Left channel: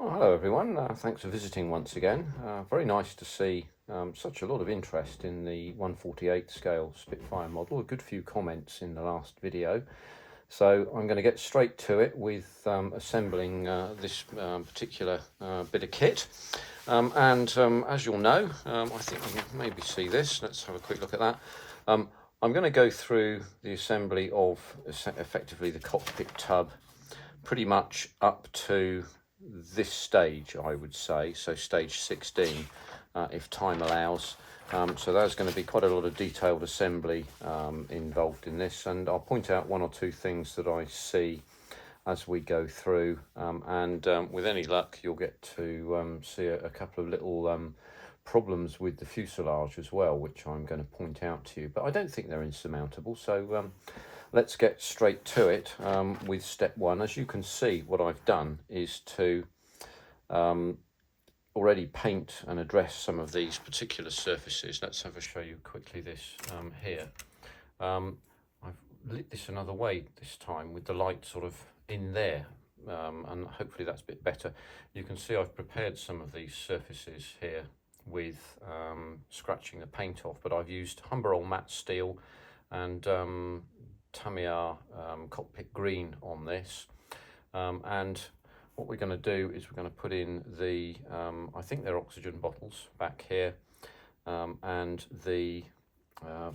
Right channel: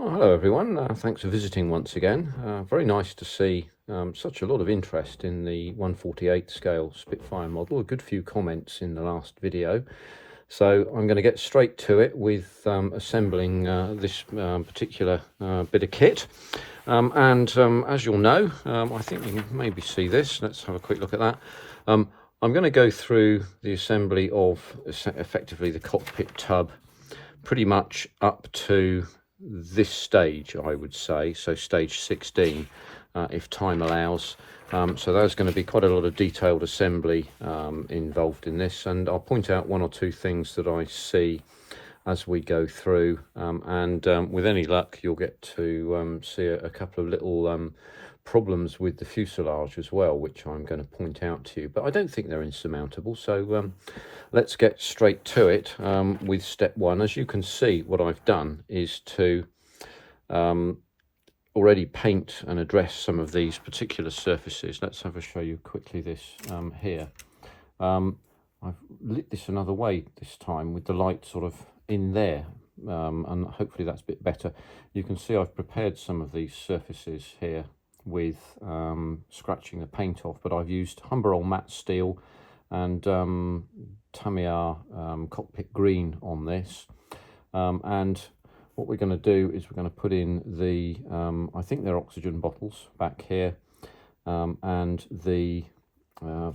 Well, hello everyone, thanks for visiting once again. Very nice to see such a lot of interest in the 1/48 scale Spitfire model. A good few comments in the last video. So I'm going to get straight to it with assembling this particular bit of kit. As you'll know, I think you can maybe see this. Let's have a quick look at that. I'm going to go through the assembly of effectively the cockpit tub pretty much up to this stage, I would say, so stage 16 if time allows. So there's going to be quite a lot of detailed assembly involved in this, and I'll point out one or two things that I see as we go through, with any luck you'll get to see a couple of little problems with the fuselage as well, which I'm going to point out to you, but I don't think they're insurmountable. So let's get straight to it with step one. As you can see, what I've done is to already paint and address some of these particular surfaces. Let's have a show you quickly this here. I've lit this another way this time with the light sort of in there, and hopefully that's a bit better. You can see I've prepared some of these surfaces here with scratching the paint off, but I've used Humber matte steel and Tamiya cockpit green on this, and what we're going to do is we're going to put in the I think they're oxygen bottles back here, and the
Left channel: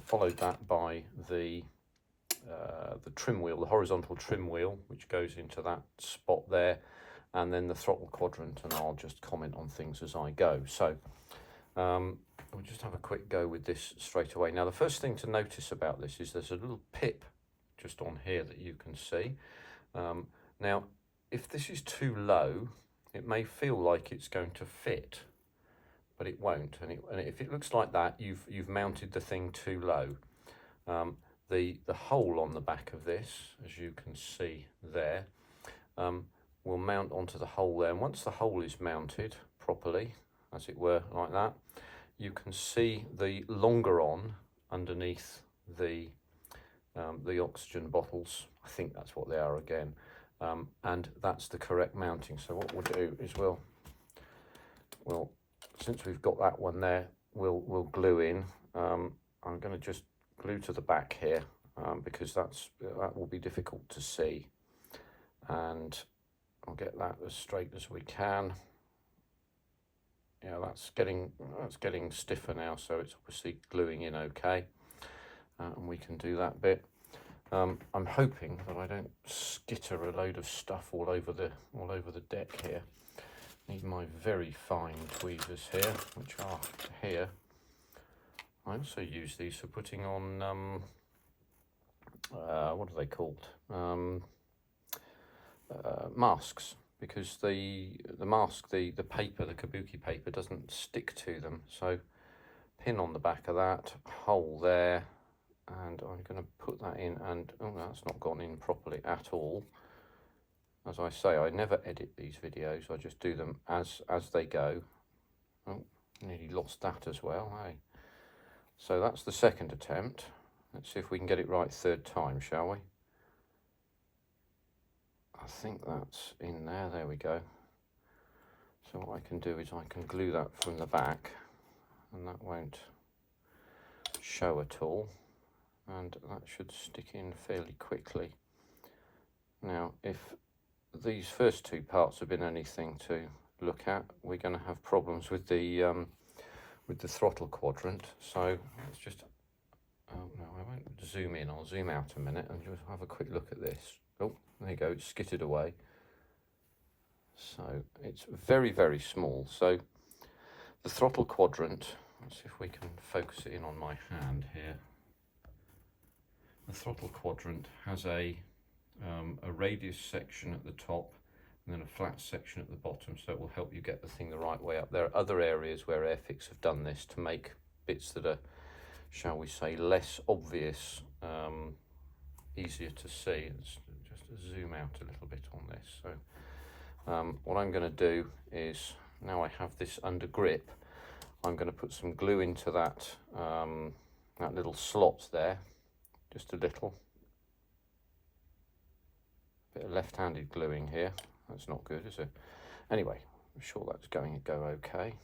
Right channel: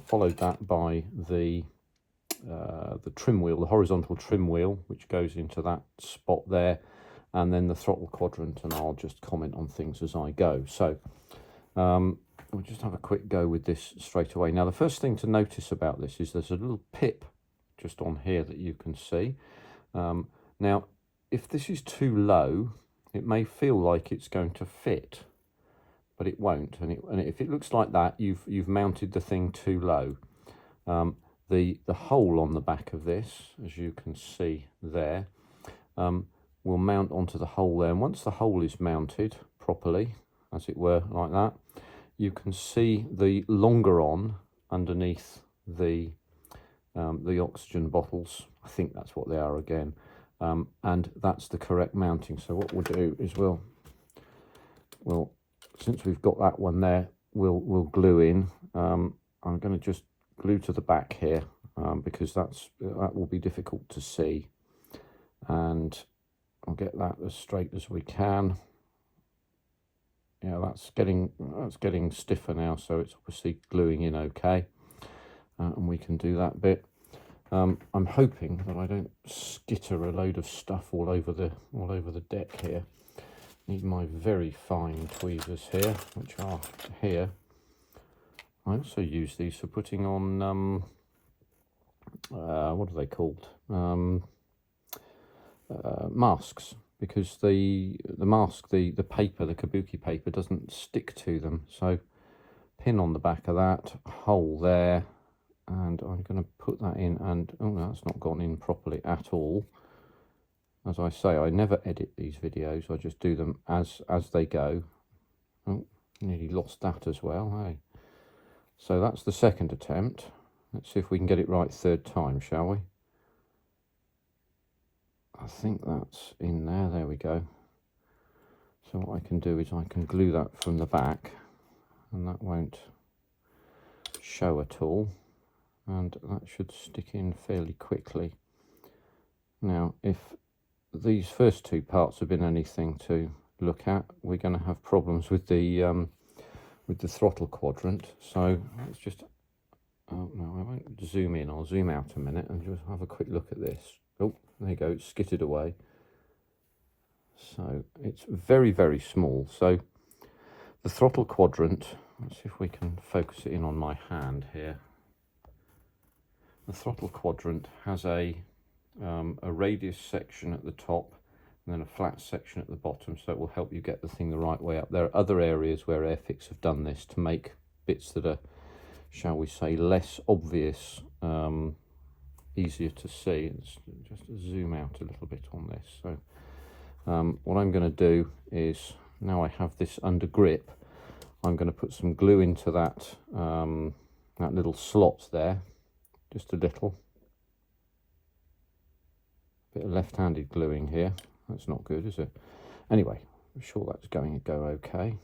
followed that by the trim wheel, the horizontal trim wheel, which goes into that spot there, and then the throttle quadrant, and I'll just comment on things as I go. So we'll just have a quick go with this straight away. Now the first thing to notice about this is there's a little pip just on here that you can see. Now if this is too low, it may feel like it's going to fit, but it won't, and if it looks like that, you've mounted the thing too low. The hole on the back of this, as you can see there, will mount onto the hole there, and once the hole is mounted properly, as it were, like that, you can see the longeron underneath the oxygen bottles. I think that's what they are again, and that's the correct mounting. So what we'll do is we'll since we've got that one there, we'll glue in. I'm going to just glue to the back here because that will be difficult to see, and I'll get that as straight as we can. Yeah, that's getting stiffer now, so it's obviously gluing in okay, and we can do that bit. I'm hoping that I don't skitter a load of stuff all over the deck here. Need my very fine tweezers here, which are here. I also use these for putting on what are they called? Masks, because the mask, the paper, the kabuki paper, doesn't stick to them. So pin on the back of that, hole there, and I'm going to put that in, and oh, that's not gone in properly at all. As I say, I never edit these videos, I just do them as they go. Oh, nearly lost that as well, hey. So that's the second attempt. Let's see if we can get it right third time, shall we? I think that's in there. There we go. So what I can do is I can glue that from the back, and that won't show at all, and that should stick in fairly quickly. Now if these first two parts have been anything to look at, we're going to have problems with the throttle quadrant. So let's just, oh no, I won't zoom in, I'll zoom out a minute and just have a quick look at this. Oh, there you go, it's skittered away. So it's very, very small. So the throttle quadrant, let's see if we can focus it in on my hand here. The throttle quadrant has a radius section at the top and then a flat section at the bottom, so it will help you get the thing the right way up. There are other areas where Airfix have done this to make bits that are, shall we say, less obvious, easier to see. Let's just zoom out a little bit on this. So what I'm going to do is, now I have this under grip, I'm going to put some glue into that that little slot there, just a little bit of left-handed gluing here. That's not good, is it? Anyway, I'm sure that's going to go okay.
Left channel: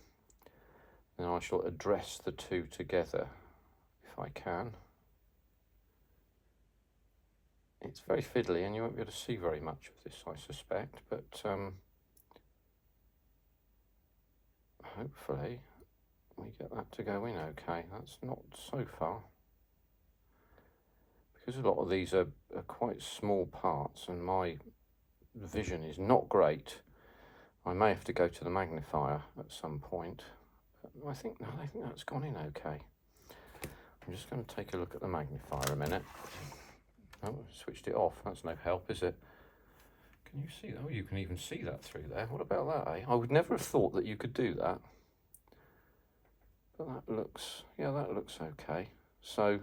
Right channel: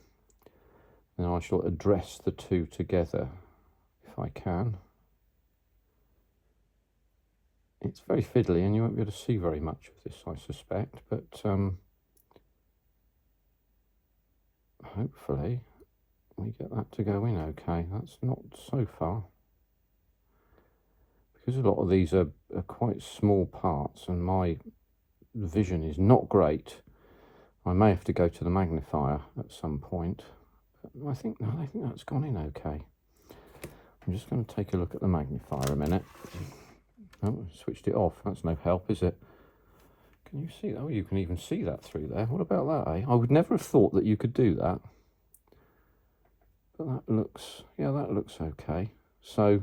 Now I shall address the two together if I can. It's very fiddly and you won't be able to see very much of this, I suspect, but hopefully we get that to go in okay. That's not so far. Because a lot of these are quite small parts and my vision is not great, I may have to go to the magnifier at some point. I think that's gone in okay. I'm just going to take a look at the magnifier a minute. Oh, switched it off. That's no help, is it? Can you see that? Oh, you can even see that through there. What about that, eh? I would never have thought that you could do that. But that looks, yeah, that looks okay. So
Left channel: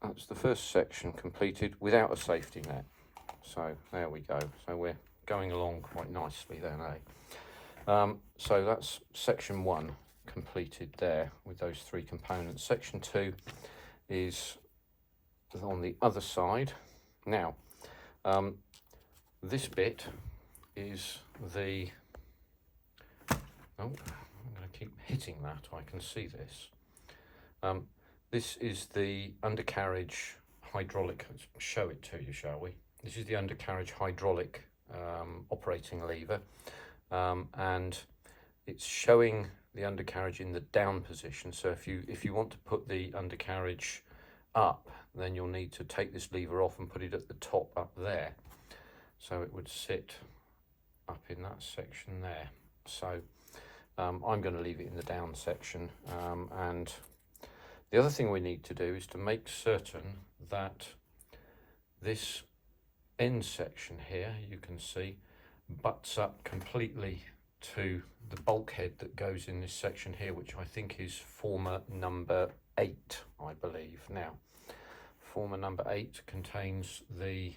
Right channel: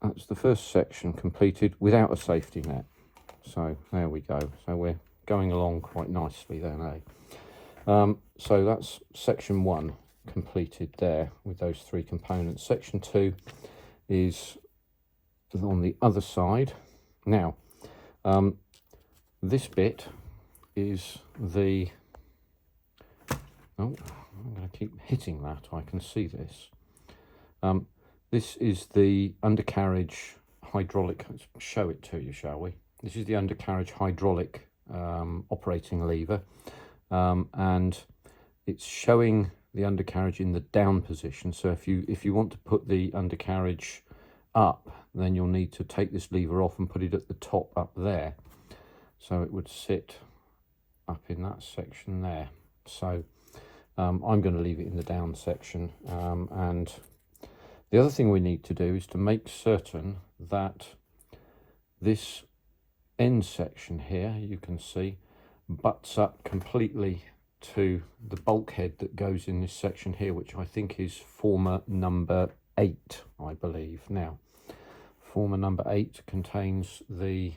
that's the first section completed without a safety net. So there we go. So we're going along quite nicely then, eh? So that's section 1 completed there with those 3 components. Section 2 is on the other side. Now, this bit is the, oh, I'm going to keep hitting that, I can see this. This is the undercarriage hydraulic, let's show it to you, shall we? This is the undercarriage hydraulic operating lever, and it's showing the undercarriage in the down position. So if you want to put the undercarriage up, then you'll need to take this lever off and put it at the top up there. So it would sit up in that section there. So I'm going to leave it in the down section, and the other thing we need to do is to make certain that this end section here, you can see, butts up completely to the bulkhead that goes in this section here, which I think is former number 8, I believe. Now, former number 8 contains the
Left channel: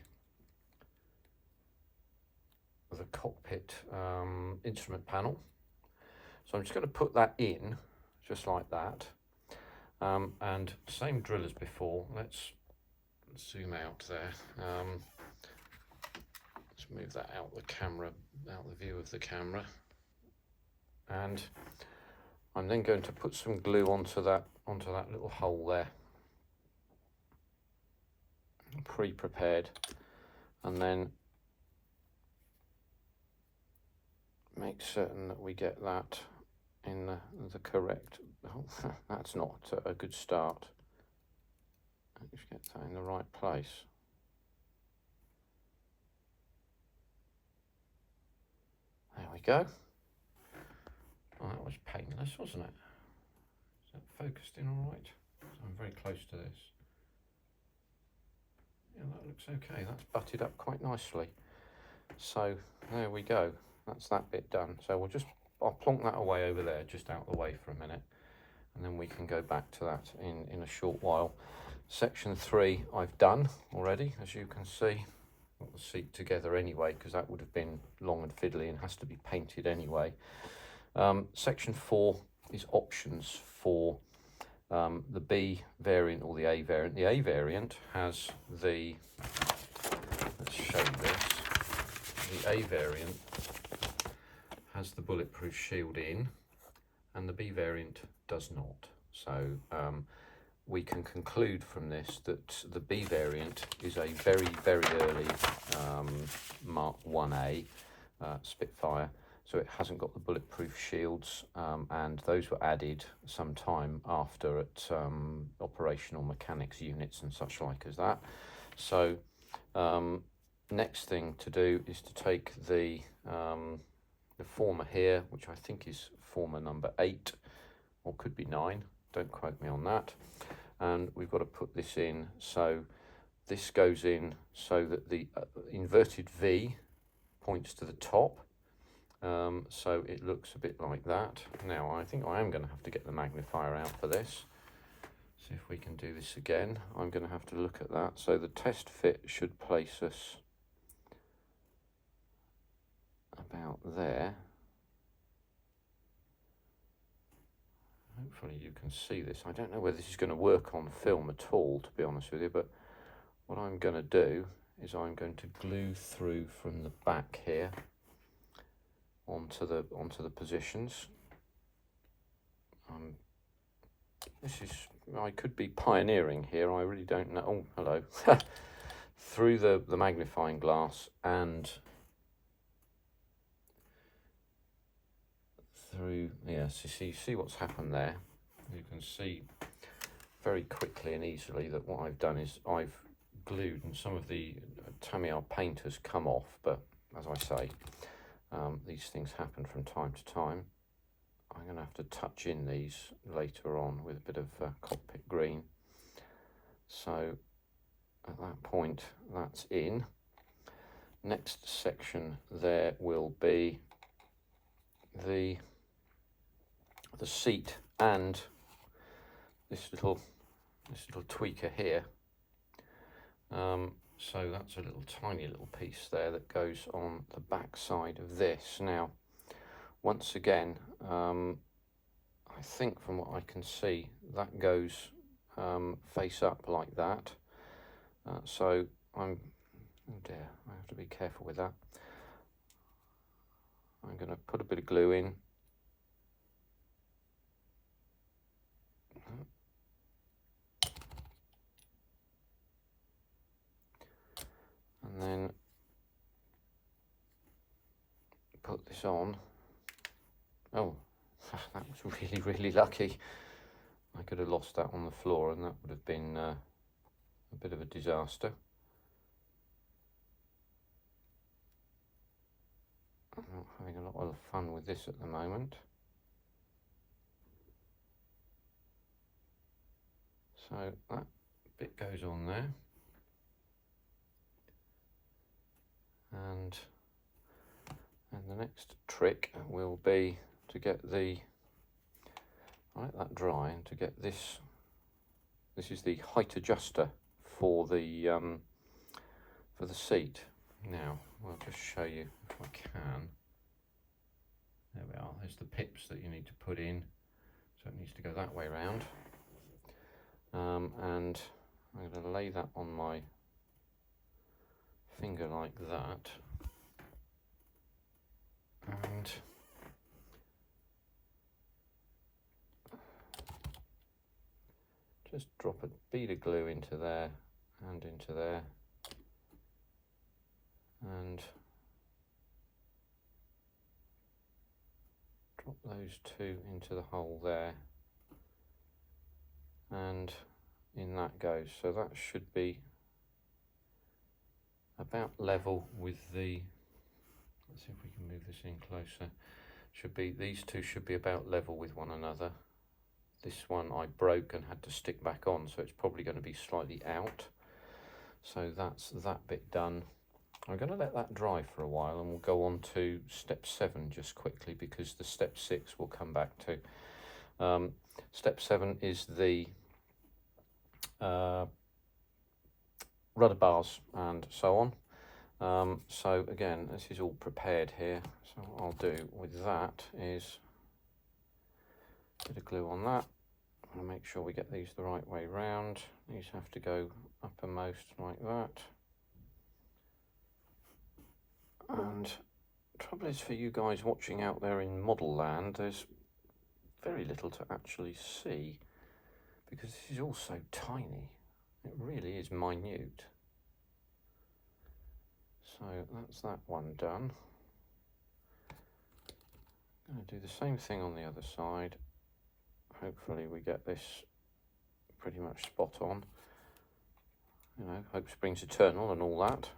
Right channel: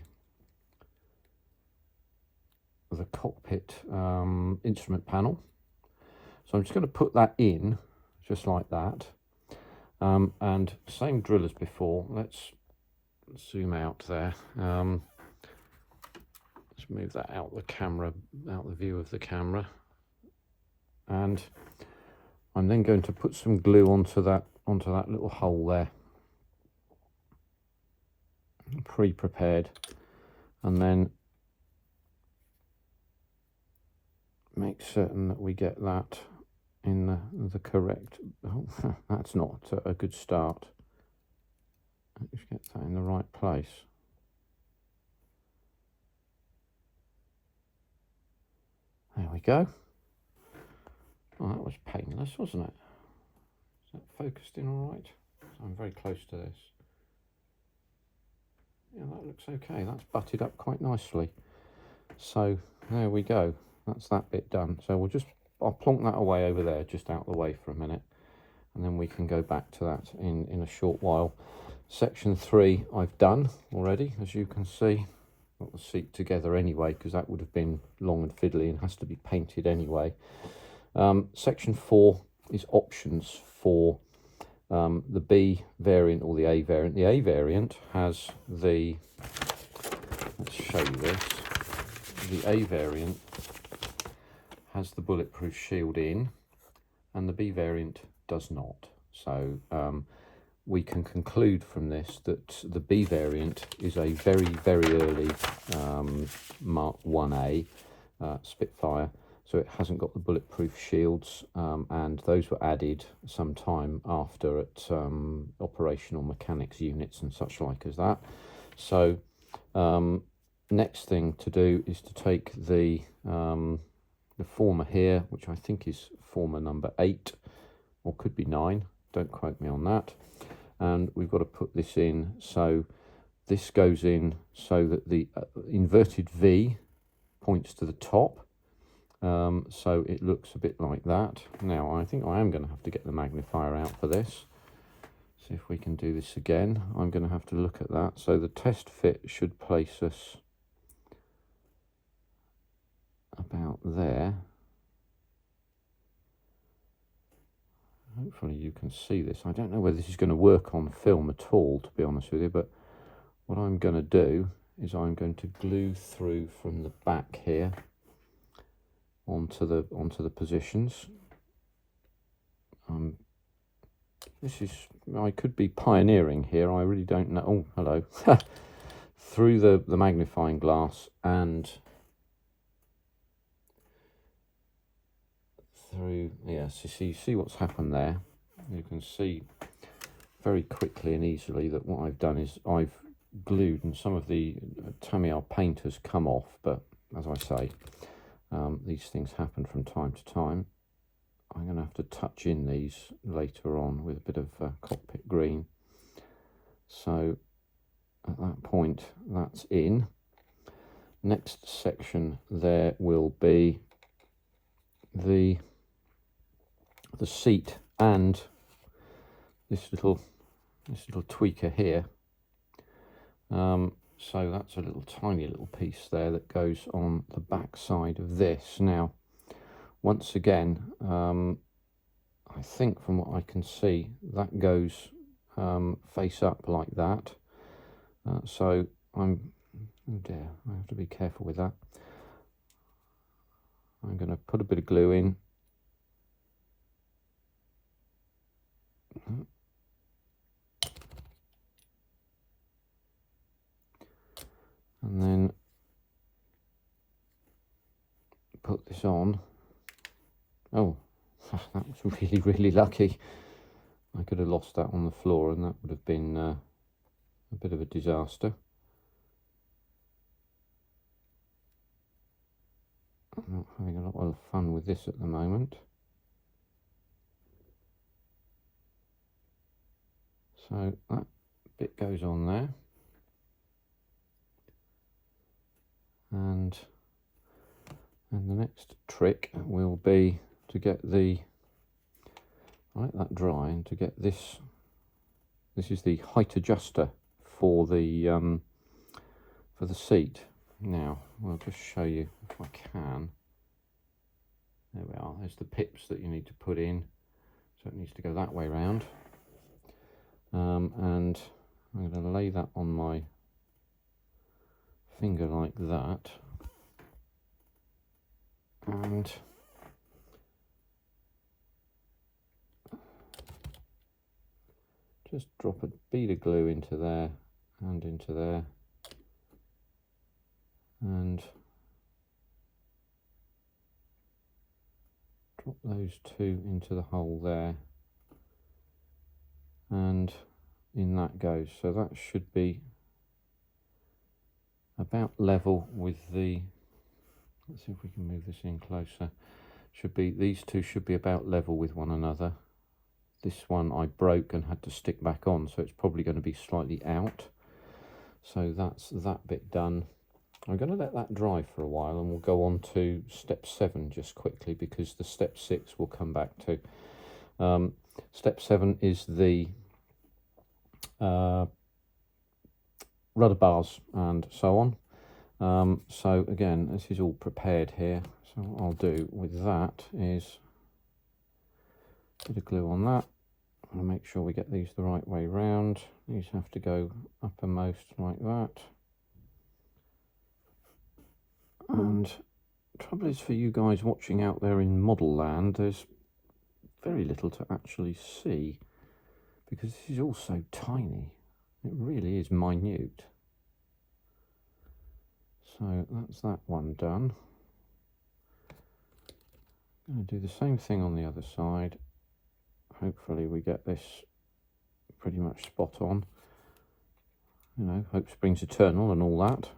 cockpit instrument panel. So I'm just going to put that in just like that, and same drill as before. Let's zoom out there. Let's move that out the camera, out the view of the camera, and I'm then going to put some glue onto that little hole there, pre-prepared, and then make certain that we get that in the correct, oh, that's not a good start. Let's get that in the right place. There we go. Oh, that was painless, wasn't it? Is that focused in all right? So I'm very close to this. Yeah, that looks okay. That's butted up quite nicely. So there we go. That's that bit done. So I'll plonk that away over there, just out of the way for a minute, and then we can go back to that in a short while. Section 3 I've done already, as you can see. Got the seat together anyway, because that would have been long and fiddly and has to be painted anyway. Section 4 is options for the B variant or the A variant. The A variant has the, let's show you this, the A variant has the bulletproof shield in, and the B variant does not. So we can conclude from this that the B variant is a very, very early Mk1a Spitfire. So it hasn't got the bulletproof shields, and those were added some time after at operational mechanics units and such like as that. So next thing to do is to take the former here, which I think is former number 8, or could be 9, don't quote me on that, and we've got to put this in. So this goes in so that the inverted V points to the top, so it looks a bit like that. Now I think I am going to have to get the magnifier out for this. See if we can do this again. I'm going to have to look at that. So the test fit should place us about there. Hopefully you can see this. I don't know whether this is going to work on film at all, to be honest with you, but what I'm going to do is I'm going to glue through from the back here onto the positions. This is, I could be pioneering here, I really don't know. Oh, hello. Through the magnifying glass and through, yes, you see what's happened there. You can see very quickly and easily that what I've done is I've glued, and some of the Tamiya paint has come off, but as I say, these things happen from time to time. I'm going to have to touch in these later on with a bit of cockpit green. So at that point, that's in. Next section there will be the seat and this little tweaker here. So that's a tiny little piece there that goes on the back side of this. Now, once again, I think from what I can see, that goes face up like that. So oh dear, I have to be careful with that. I'm going to put a bit of glue in. And then put this on. Oh, that was really, really lucky. I could have lost that on the floor and that would have been a bit of a disaster. I'm not having a lot of fun with this at the moment. So that bit goes on there. And the next trick will be to get let that dry, and to get this is the height adjuster for the seat. Now I'll just show you if I can. There we are, there's the pips that you need to put in, so it needs to go that way round. And I'm going to lay that on my finger like that, and just drop a bead of glue into there and into there, and drop those two into the hole there, and in that goes. So that should be about level with the, let's see if we can move this in closer. These two should be about level with one another. This one I broke and had to stick back on, so it's probably going to be slightly out. So that's that bit done. I'm going to let that dry for a while, and we'll go on to step 7 just quickly, because the step 6 we'll come back to. Step 7 is the rudder bars and so on. So again, this is all prepared here. So what I'll do with that is a bit of glue on that. I'll make sure we get these the right way round. These have to go uppermost like that. And the trouble is, for you guys watching out there in model land, there's very little to actually see, because this is all so tiny. It really is minute. So that's that one done. I'm going to do the same thing on the other side. Hopefully we get this pretty much spot on. You know, hope springs eternal and all that.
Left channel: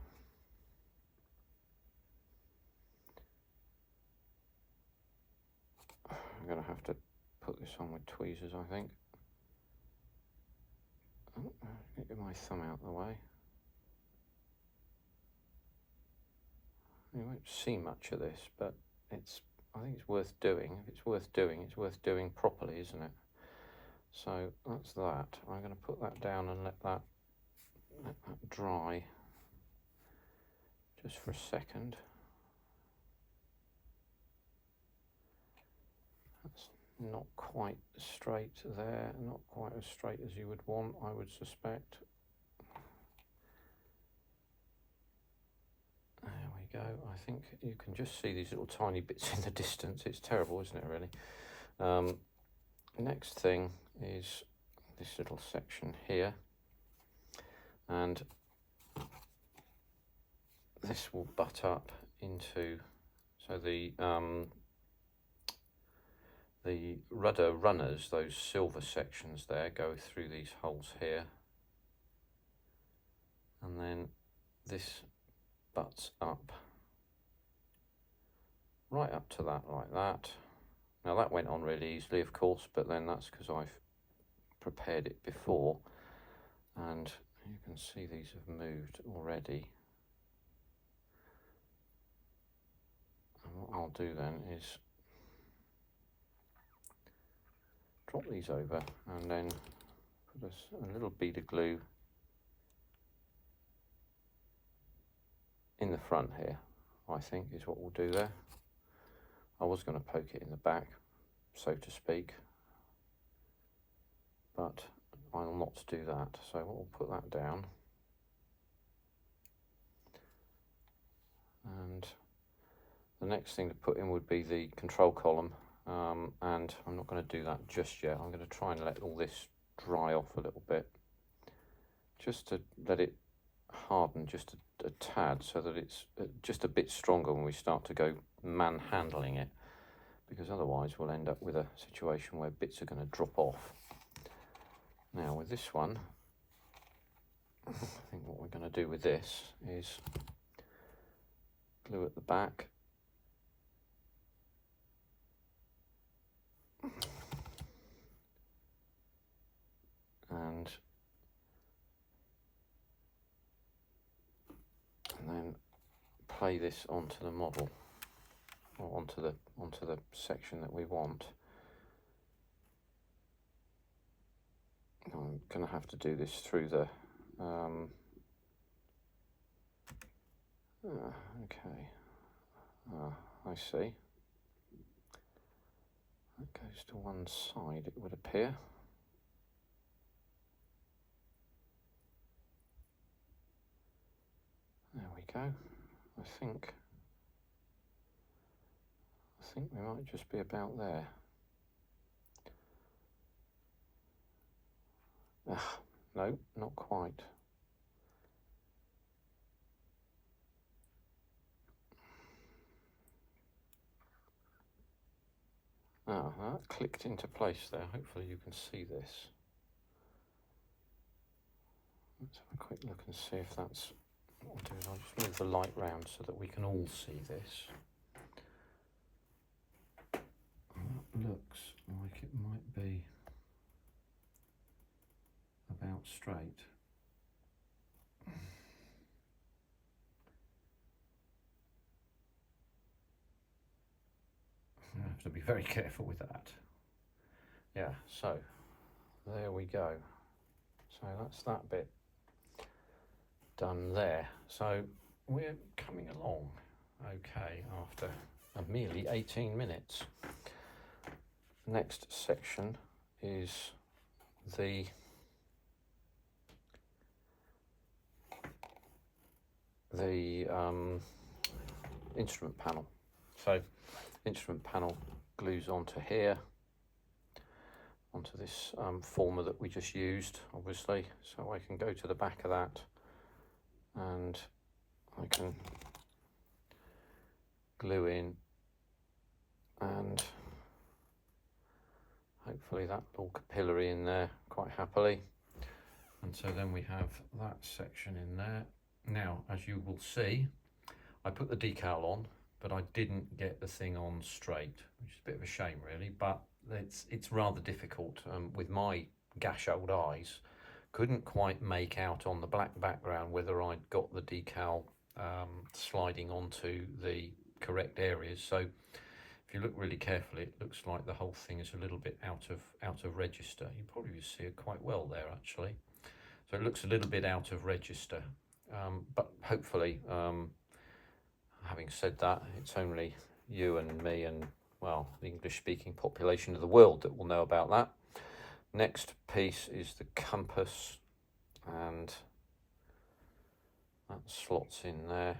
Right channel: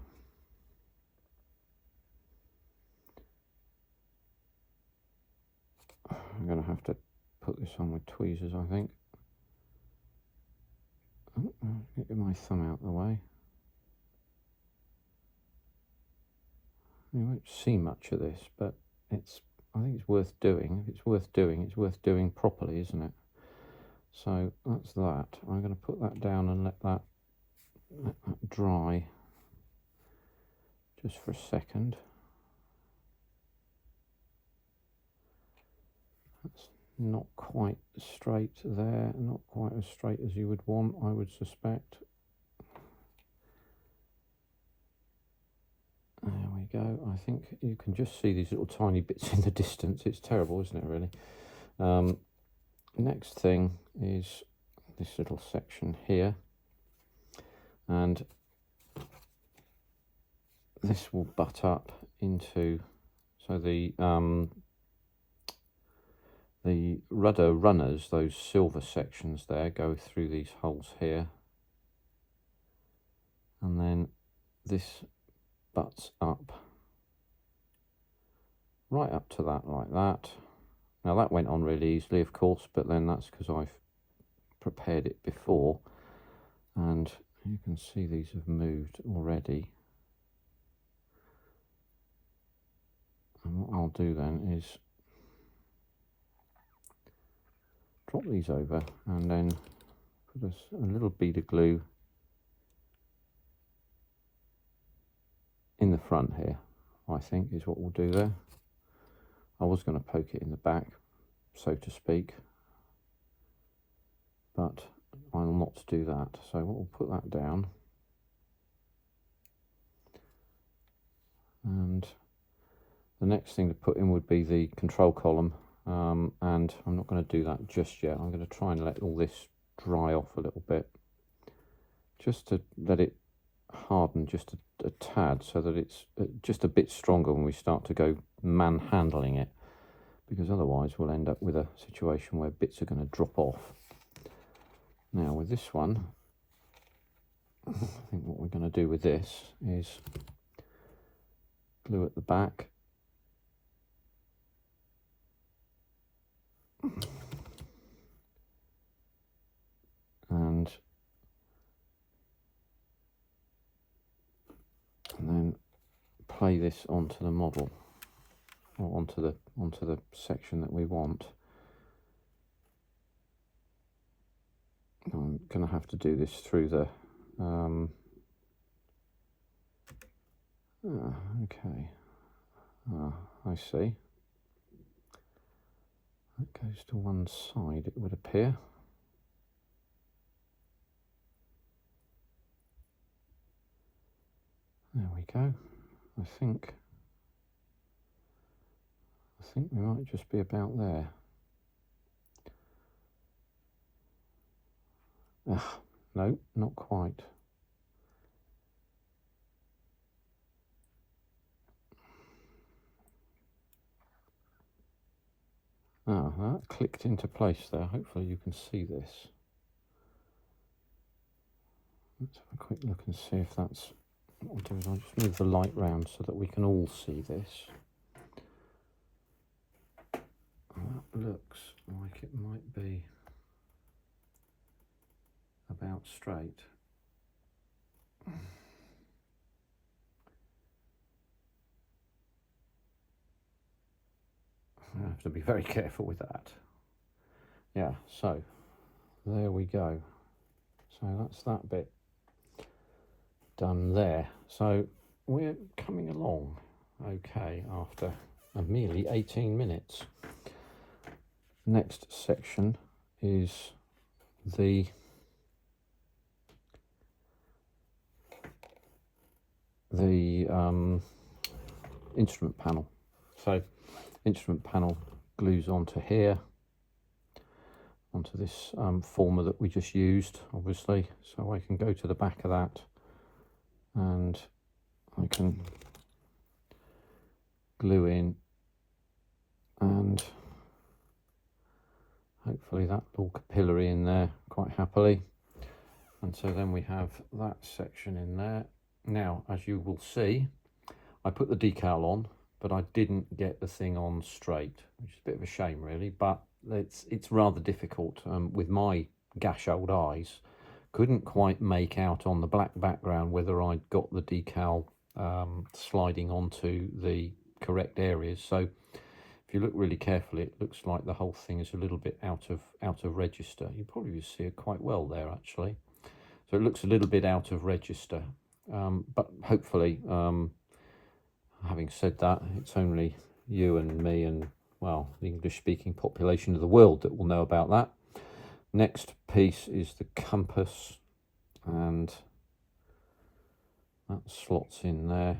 I'm going to have to put this on with tweezers, I think. Oh, get my thumb out of the way. You won't see much of this, but I think it's worth doing. If it's worth doing, it's worth doing properly, isn't it? So that's that. I'm going to put that down and let that dry just for a second. That's not quite straight there, not quite as straight as you would want, I would suspect. There we go. I think you can just see these little tiny bits in the distance. It's terrible, isn't it, really? Next thing is this little section here, and this will butt up into, so the rudder runners, those silver sections there, go through these holes here, and then this butts up right up to that, like that. Now that went on really easily, of course, but then that's because I've prepared it before, and you can see these have moved already. And what I'll do then is drop these over and then put a little bead of glue in the front here, I think is what we'll do there. I was going to poke it in the back, so to speak, but I'll not do that. So we'll put that down, and the next thing to put in would be the control column, and I'm not going to do that just yet. I'm going to try and let all this dry off a little bit, just to let it harden just a tad, so that it's just a bit stronger when we start to go manhandling it, because otherwise we'll end up with a situation where bits are going to drop off. Now with this one, I think what we're going to do with this is glue at the back, and then play this onto the model, or onto the section that we want. I'm going to have to do this through the okay, I see. That goes to one side, it would appear. There we go. I think we might just be about there. No, not quite. That clicked into place there. Hopefully you can see this. Let's have a quick look and see if that's what I'll do. Is I'll just move the light round so that we can all see this. That looks like it might be about straight. I have to be very careful with that. Yeah, so there we go. So that's that bit done there. So we're coming along okay after merely 18 minutes. Next section is the instrument panel. So instrument panel glues onto here, onto this former that we just used, obviously. So I can go to the back of that and I can glue in, and hopefully that will capillary in there quite happily. And so then we have that section in there. Now, as you will see, I put the decal on, but I didn't get the thing on straight, which is a bit of a shame really, but it's rather difficult with my gash old eyes. Couldn't quite make out on the black background whether I'd got the decal sliding onto the correct areas. So if you look really carefully, it looks like the whole thing is a little bit out of register. You probably see it quite well there actually. So it looks a little bit out of register, but hopefully, having said that, it's only you and me and, well, the English-speaking population of the world that will know about that. Next piece is the compass, and that slots in there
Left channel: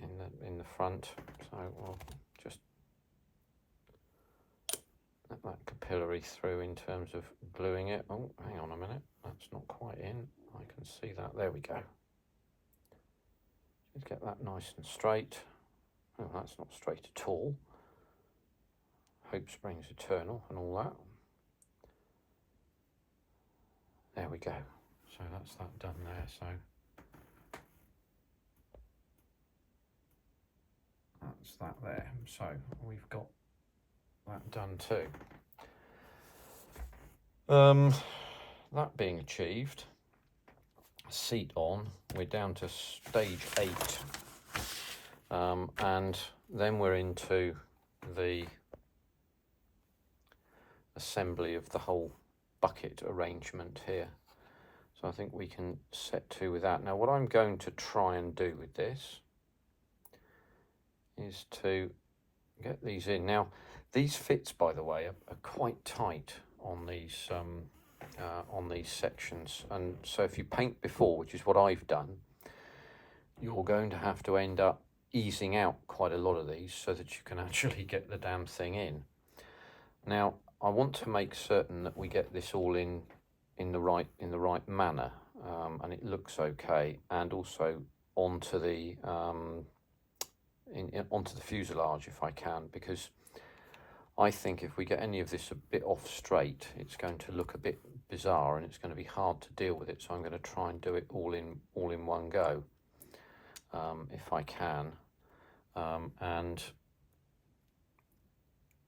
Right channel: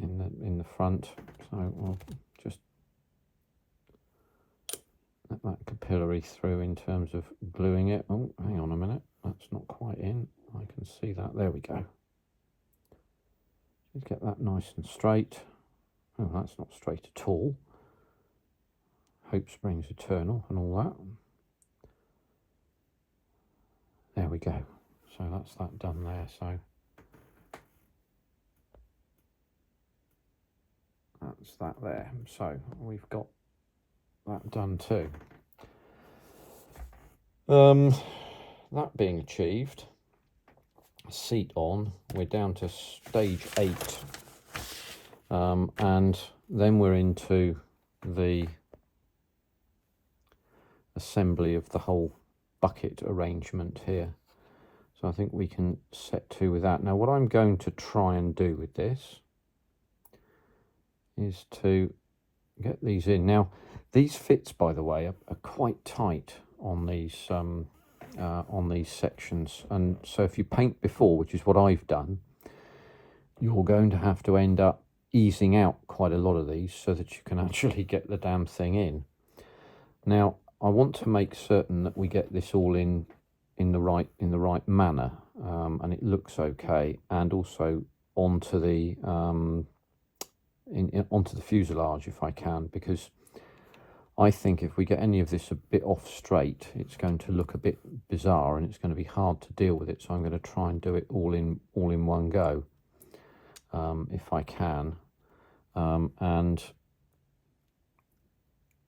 in the front. So we'll just let that capillary through in terms of gluing it. Oh, hang on a minute, that's not quite in. I can see that. There we go. Just get that nice and straight. Oh, that's not straight at all. Hope springs eternal and all that. There we go. So that's that done there. So that's that there. So we've got that done too. That being achieved, seat on, we're down to stage 8, and then we're into the assembly of the whole bucket arrangement here. So I think we can set to with that. Now what I'm going to try and do with this is to get these in. Now these fits, by the way, are quite tight on these sections, and so if you paint before, which is what I've done, you're going to have to end up easing out quite a lot of these so that you can actually get the damn thing in. Now I want to make certain that we get this all in the right manner, and it looks okay, and also onto the onto the fuselage if I can, because I think if we get any of this a bit off straight, it's going to look a bit bizarre and it's going to be hard to deal with it. So I'm going to try and do it all in one go, if I can, and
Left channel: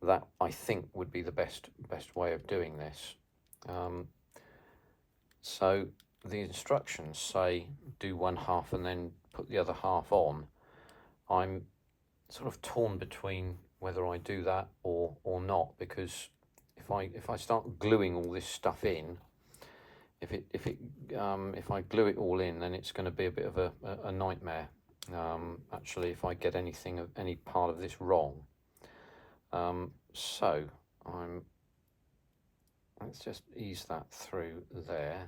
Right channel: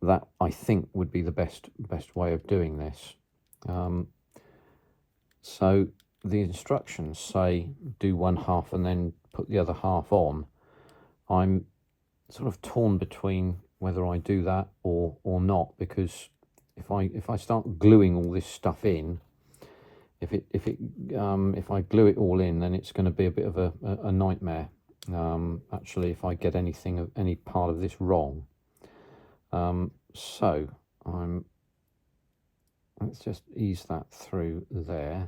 that I think would be the best way of doing this. So the instructions say do one half and then put the other half on. I'm sort of torn between whether I do that or not, because if I start gluing all this stuff in, if I glue it all in, then it's going to be a bit of a nightmare. Actually, if I get any part of this wrong. So let's just ease that through there.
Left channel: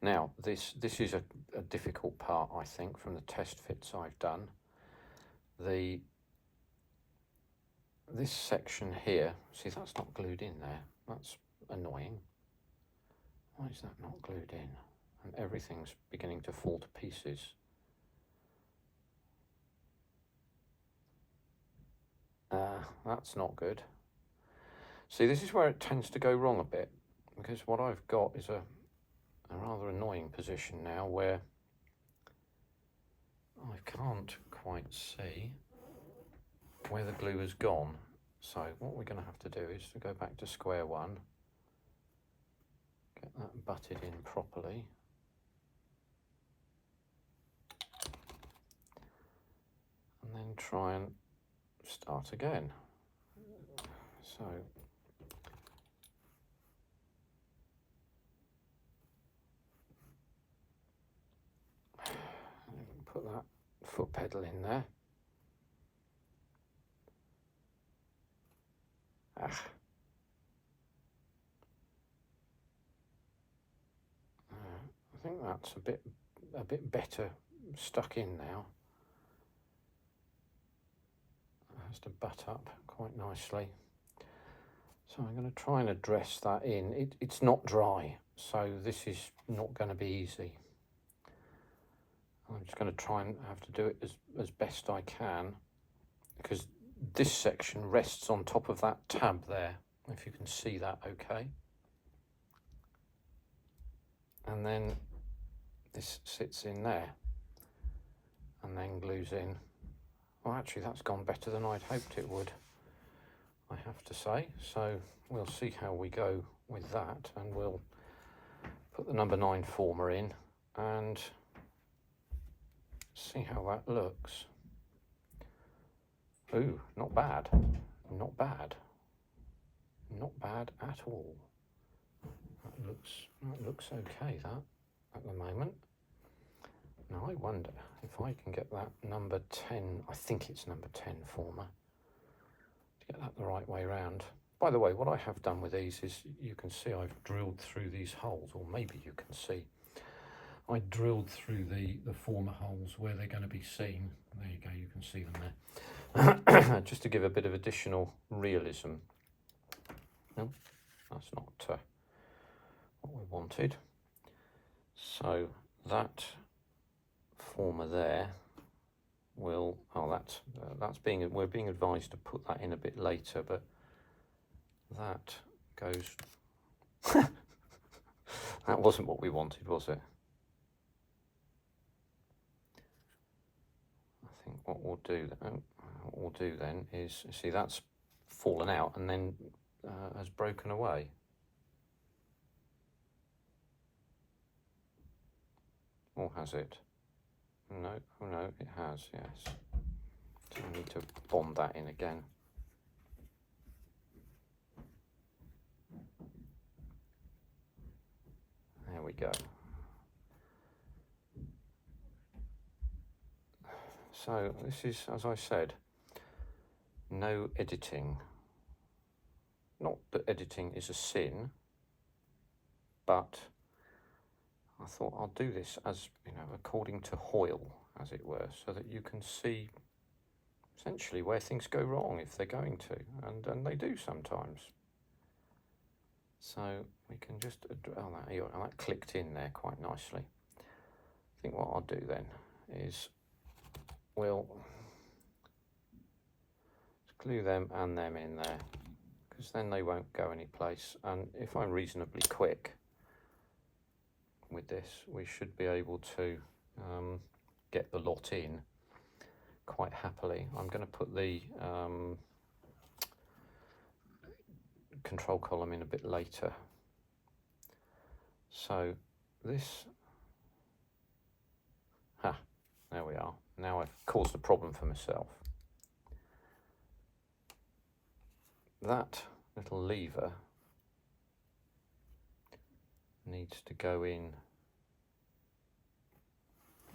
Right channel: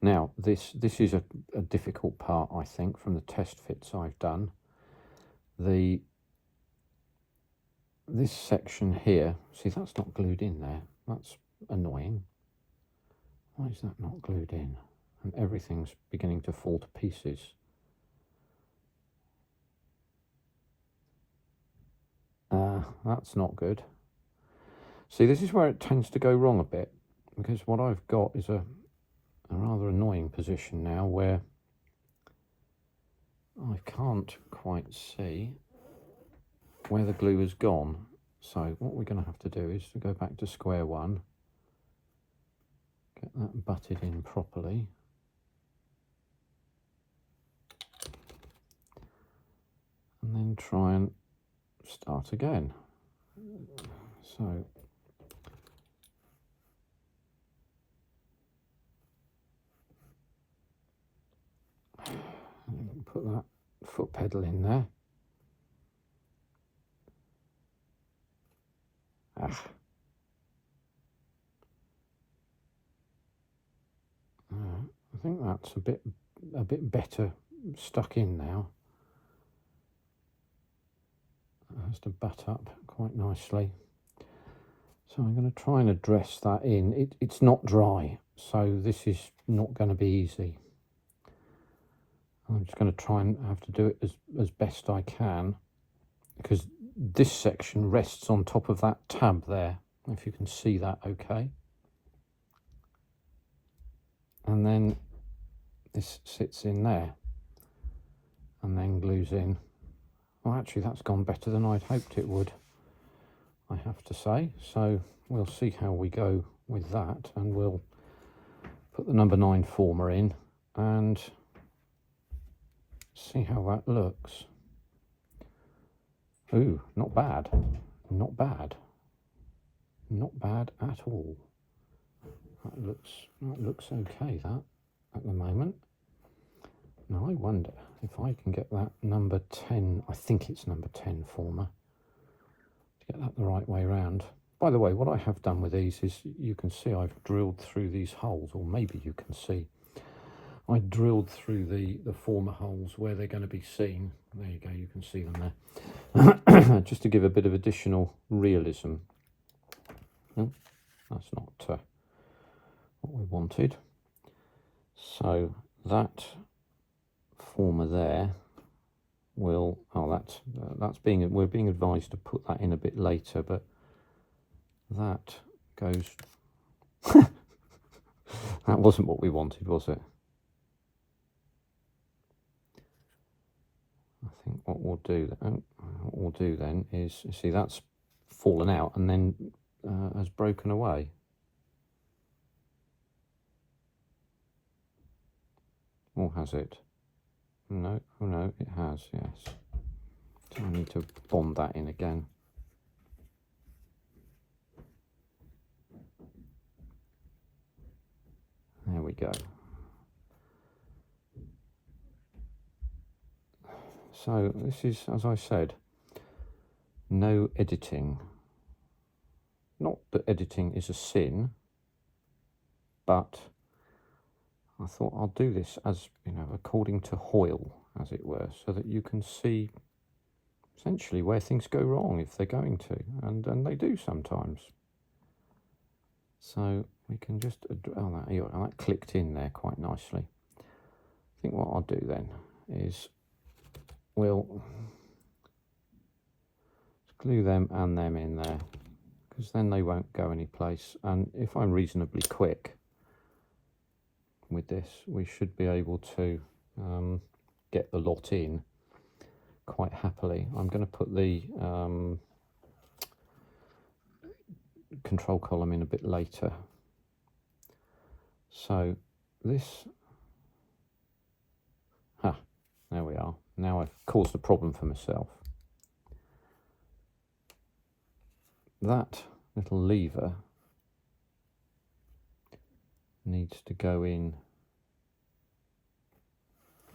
Now this is a difficult part, I think, from the test fits I've done. This section here, see, that's not glued in there. That's annoying. Why is that not glued in? And everything's beginning to fall to pieces. That's not good. See, this is where it tends to go wrong a bit, because what I've got is a rather annoying position now where I can't quite see where the glue has gone. So what we're going to have to do is to go back to square one, get that butted in properly, and then try and start again. So put that foot pedal in there. I think that's a bit better stuck in now. It has to butt up quite nicely. So I'm going to try and address that in. It's not dry, so this is not going to be easy. I'm just going to try and have to do it as best I can, because this section rests on top of that tab there, if you can see that okay. And then this sits in there and then glues in. Well, actually that's gone better than I'd hoped it would, I have to say. So we'll see how we go with that, and we'll put the number 9 former in and see how that looks. Ooh, not bad, not bad, not bad at all. That looks okay, that, at the moment. Now I wonder if I can get that number 10, I think it's number 10 former, to get that the right way around. By the way, what I have done with these is, you can see I've drilled through these holes, or maybe you can see. I drilled through the former holes where they're going to be seen. There you go, you can see them there. Just to give a bit of additional realism. No, that's not what we wanted. So that former there will, we're being advised to put that in a bit later, but that goes that wasn't what we wanted, was it? I think what we'll do then is, see, that's fallen out and then has broken away. Or has it? No, oh no, it has, yes. So I need to bond that in again. There we go. So this is, as I said, no editing. Not that editing is a sin, but I thought I'll do this as, you know, according to Hoyle, as it were, so that you can see essentially where things go wrong if they're going to, and they do sometimes. So we can just, that clicked in there quite nicely. I think what I'll do then is we'll glue them and them in there, because then they won't go any place. And if I'm reasonably quick with this, we should be able to get the lot in quite happily. I'm going to put the control column in a bit later. So this, there we are. Now I've caused a problem for myself. That little lever needs to go in.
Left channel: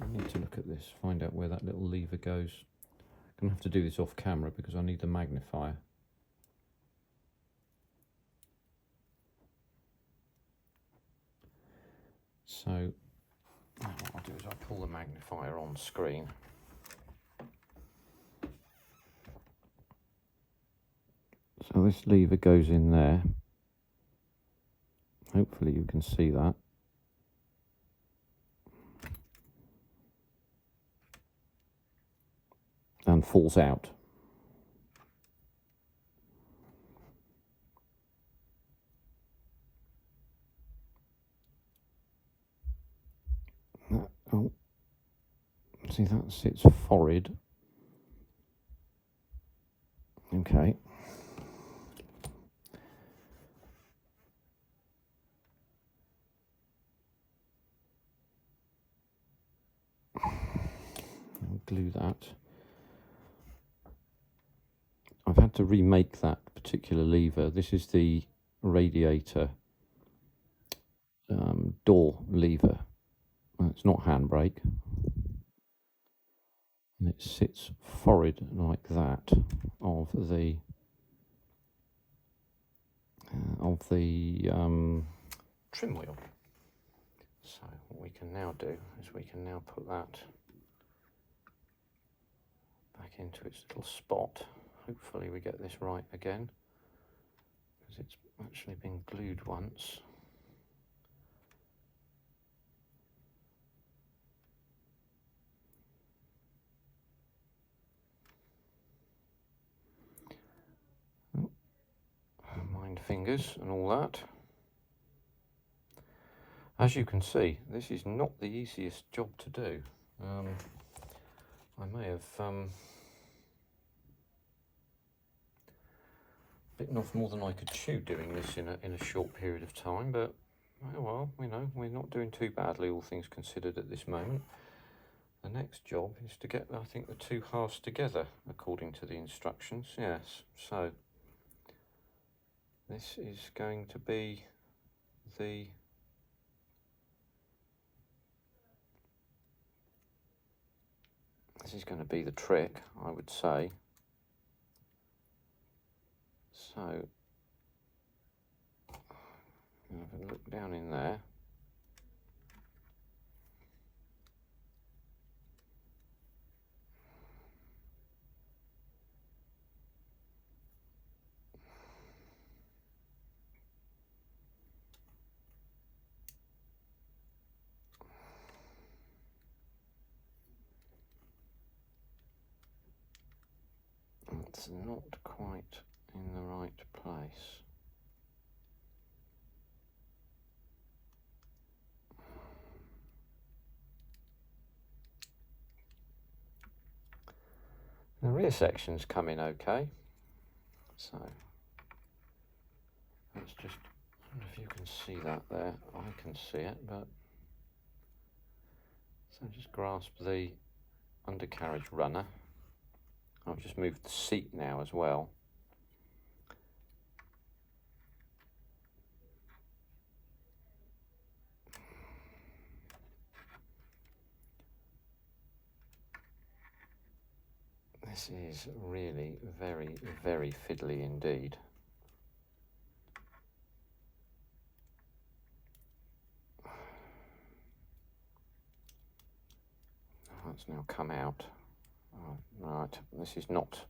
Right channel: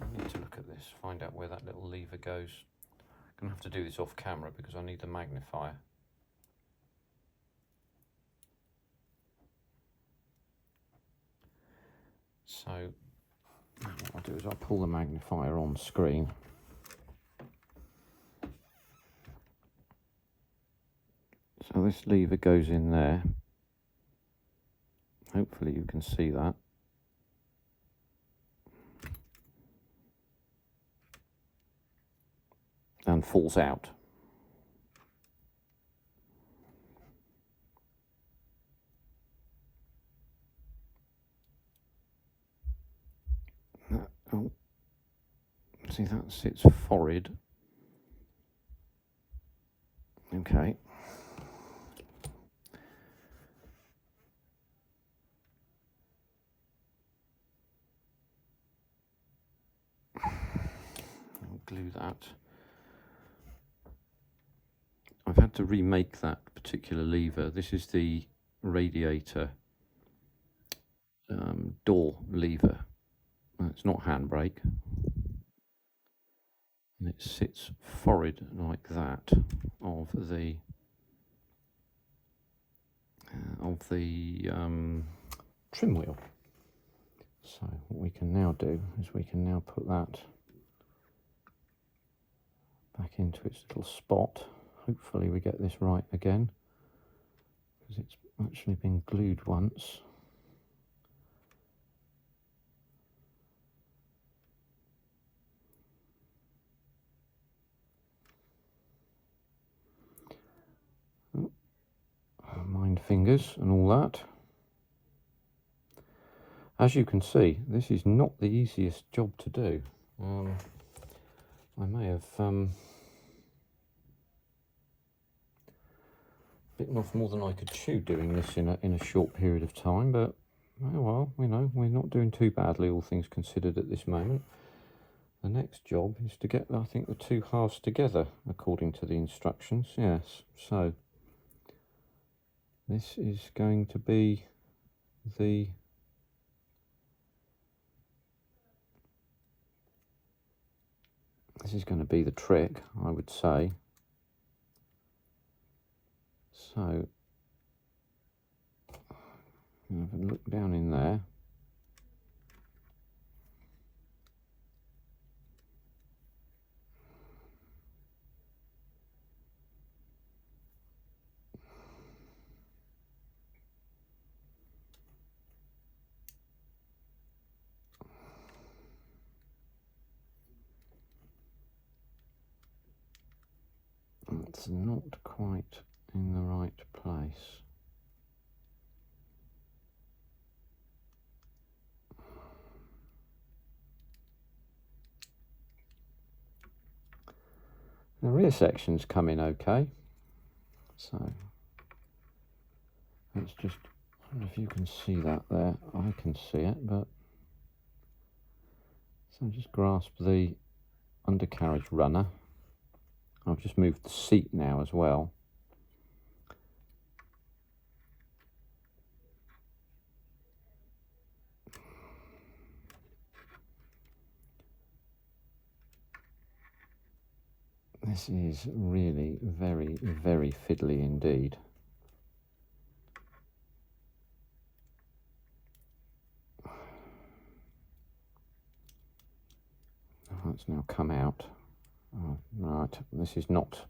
I need to look at this, find out where that little lever goes. I'm going to have to do this off camera because I need the magnifier. So now what I'll do is I'll pull the magnifier on screen. So this lever goes in there. Hopefully you can see that. And falls out. Oh, see, that sits forward. Okay. I'll glue that. I've had to remake that particular lever. This is the radiator door lever. It's not handbrake, and it sits forward like that of the trim wheel. So what we can now do is we can now put that back into its little spot. Hopefully we get this right again, because it's actually been glued once. Mind fingers and all that. As you can see, this is not the easiest job to do. I may have bitten off more than I could chew doing this in a short period of time, but oh well, you know, we're not doing too badly, all things considered, at this moment. The next job is to get, I think, the two halves together according to the instructions. Yes, so this is going to be the trick, I would say. So have a look down in there. It's not quite in the right place. The rear section's coming okay, so let's just, I don't know if you can see that there. I can see it, but so just grasp the undercarriage runner. I've just moved the seat now as well. This is really very, very fiddly indeed. Oh, it's now come out. Oh, right, this is not.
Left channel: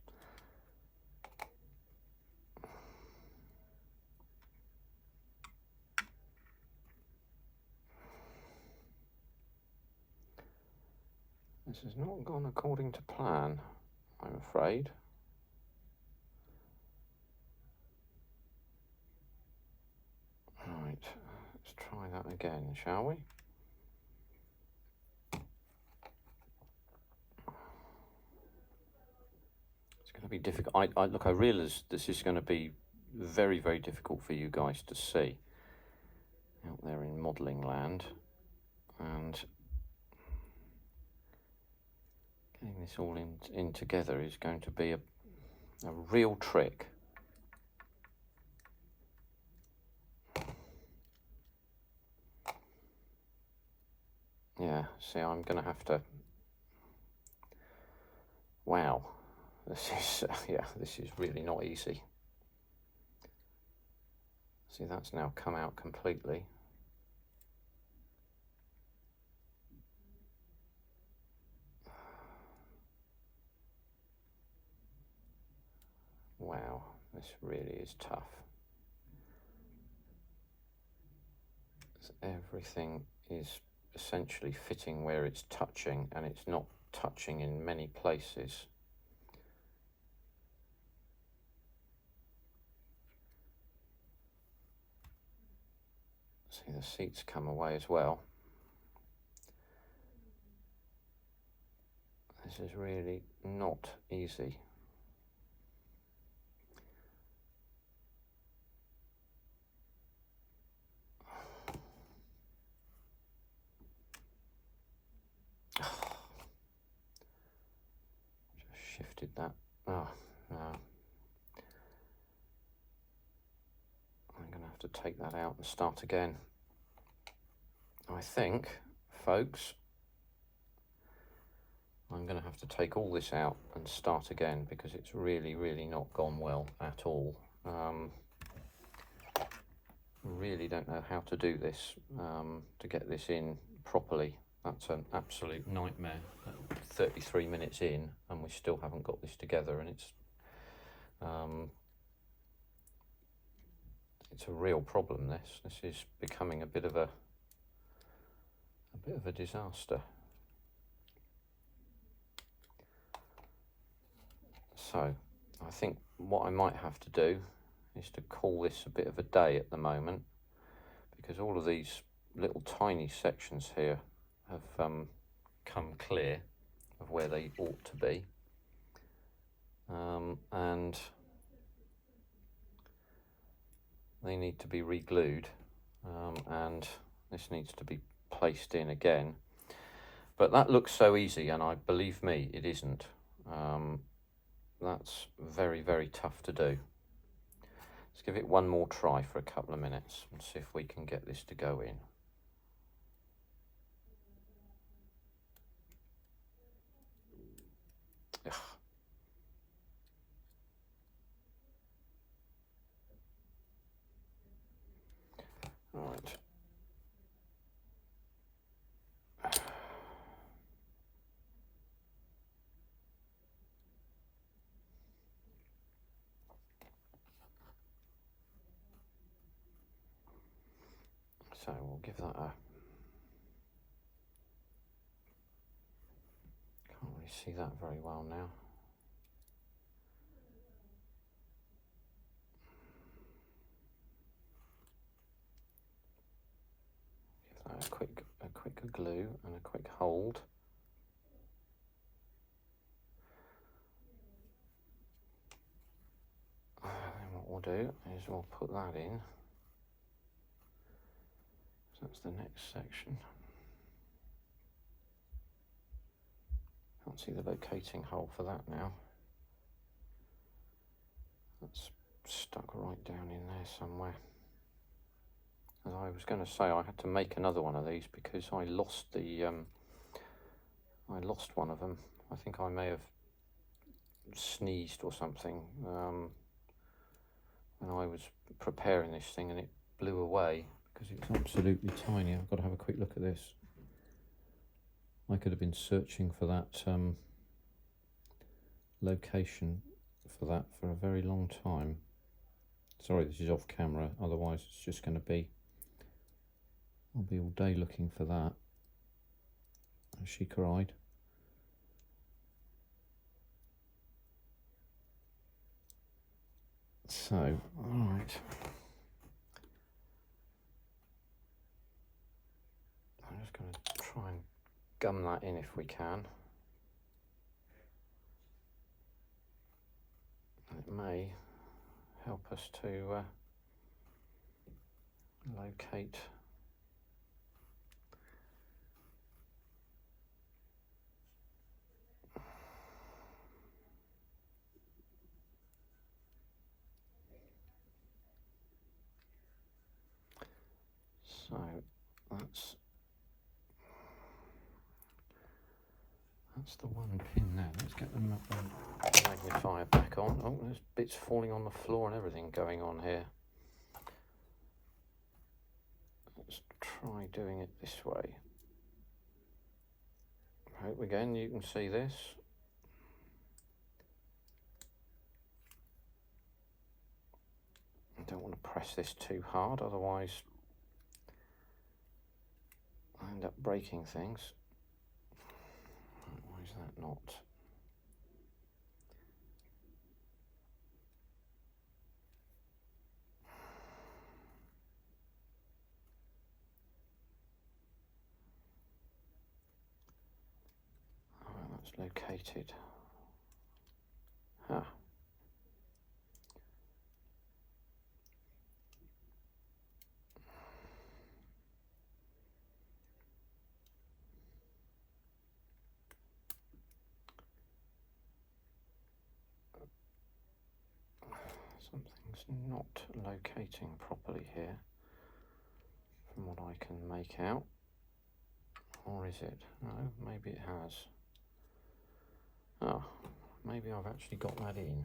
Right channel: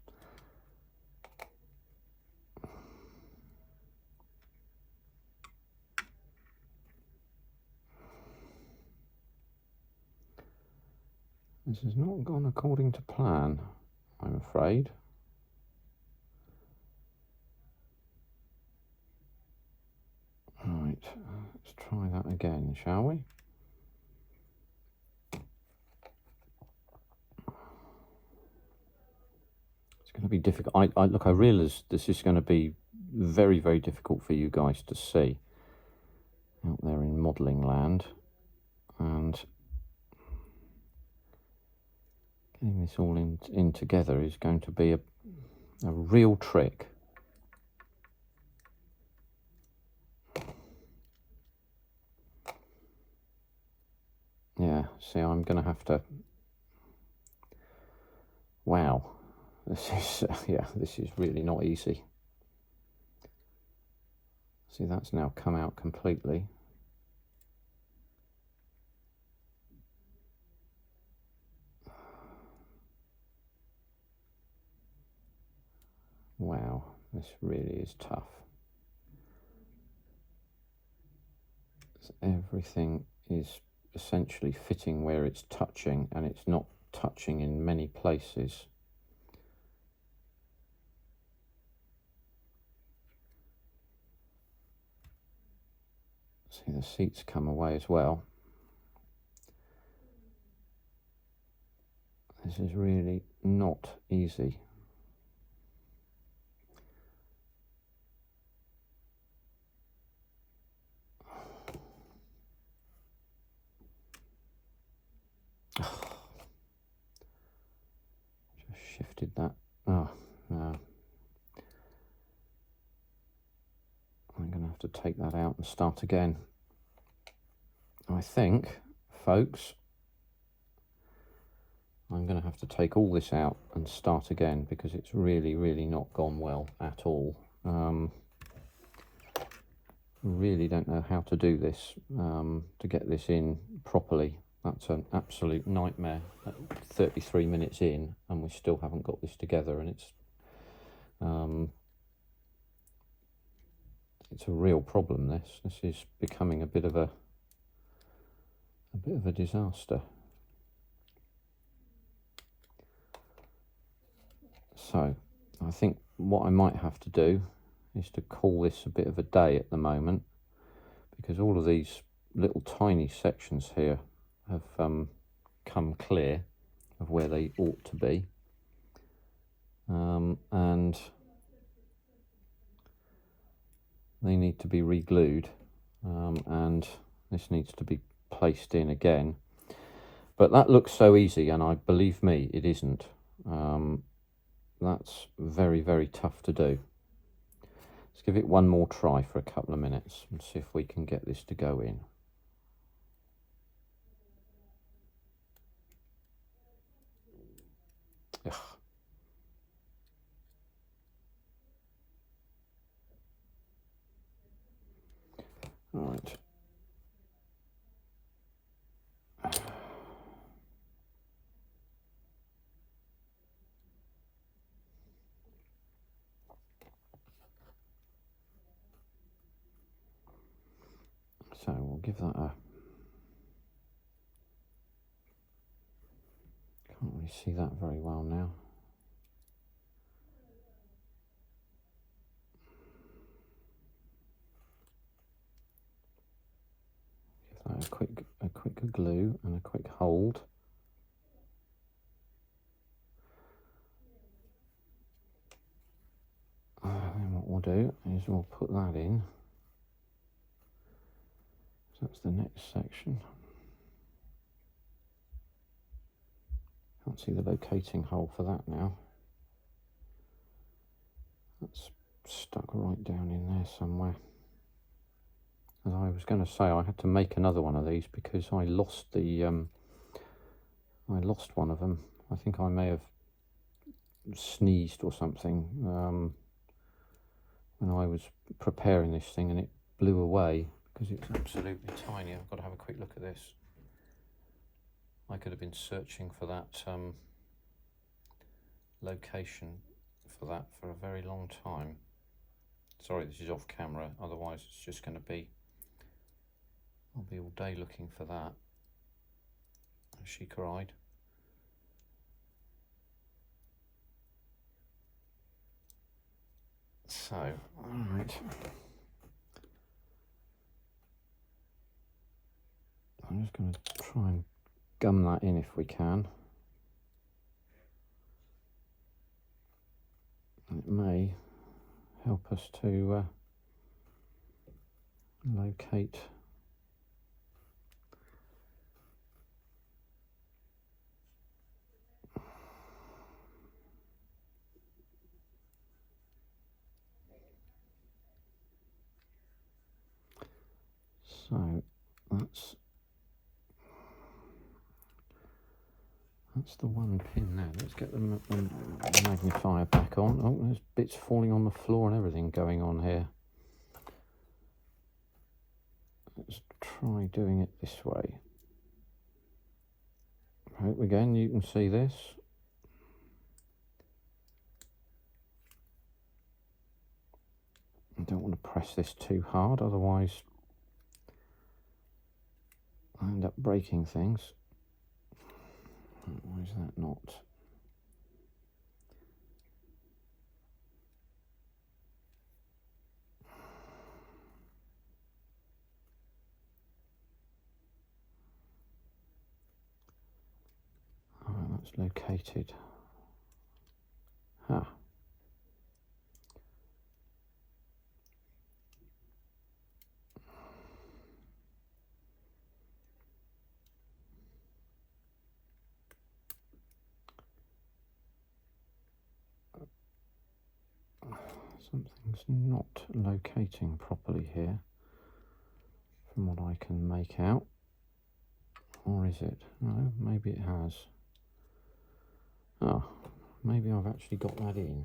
This has not gone according to plan, I'm afraid. Right, let's try that again, shall we? It's going to be difficult. Look, I realise this is going to be very, very difficult for you guys to see out there in modelling land, and getting this all in together is going to be a real trick. Yeah, see, I'm going to have to, wow, this is, yeah, this is really not easy. See, that's now come out completely. Wow, this really is tough. So everything is essentially fitting where it's touching, and it's not touching in many places. See, the seats come away as well. This is really not easy. Just shifted that. Oh, no. I'm going to have to take that out and start again. I think, folks, I'm going to have to take all this out and start again, because it's really, really not gone well at all. Really don't know how to do this, to get this in properly. That's an absolute nightmare. 33 minutes in and we still haven't got this together, and it's a real problem. This is becoming a bit of a disaster. So I think what I might have to do is to call this a bit of a day at the moment, because all of these little tiny sections here have come clear of where they ought to be, and they need to be re-glued, and this needs to be placed in again. But that looks so easy, and believe me, it isn't. That's very, very tough to do. Let's give it one more try for a couple of minutes and see if we can get this to go in. Ugh. Right. So we'll give that a, can't really see that very well now. a quick glue and a quick hold. And then what we'll do is we'll put that in. So that's the next section. Can't see the locating hole for that now. That's stuck right down in there somewhere. As I was going to say, I had to make another one of these because I lost the I lost one of them. I think I may have sneezed or something when I was preparing this thing, and it blew away because it's absolutely tiny. I've got to have a quick look at this. I could have been searching for that location for that for a very long time. Sorry, this is off camera, otherwise it's just going to be, I'll be all day looking for that. As she cried. So, alright. I'm just going to try and gum that in if we can. It may help us to locate so that's the one pin there. Let's get the magnifier back on. Oh, there's bits falling on the floor and everything going on here. Let's try doing it this way. Hope again you can see this. I don't want to press this too hard, otherwise I end up breaking things. Why is that not? Oh, that's located. Ah. Something's not locating properly here from what I can make out. Or is it? No, maybe it has. Oh, maybe I've actually got that in.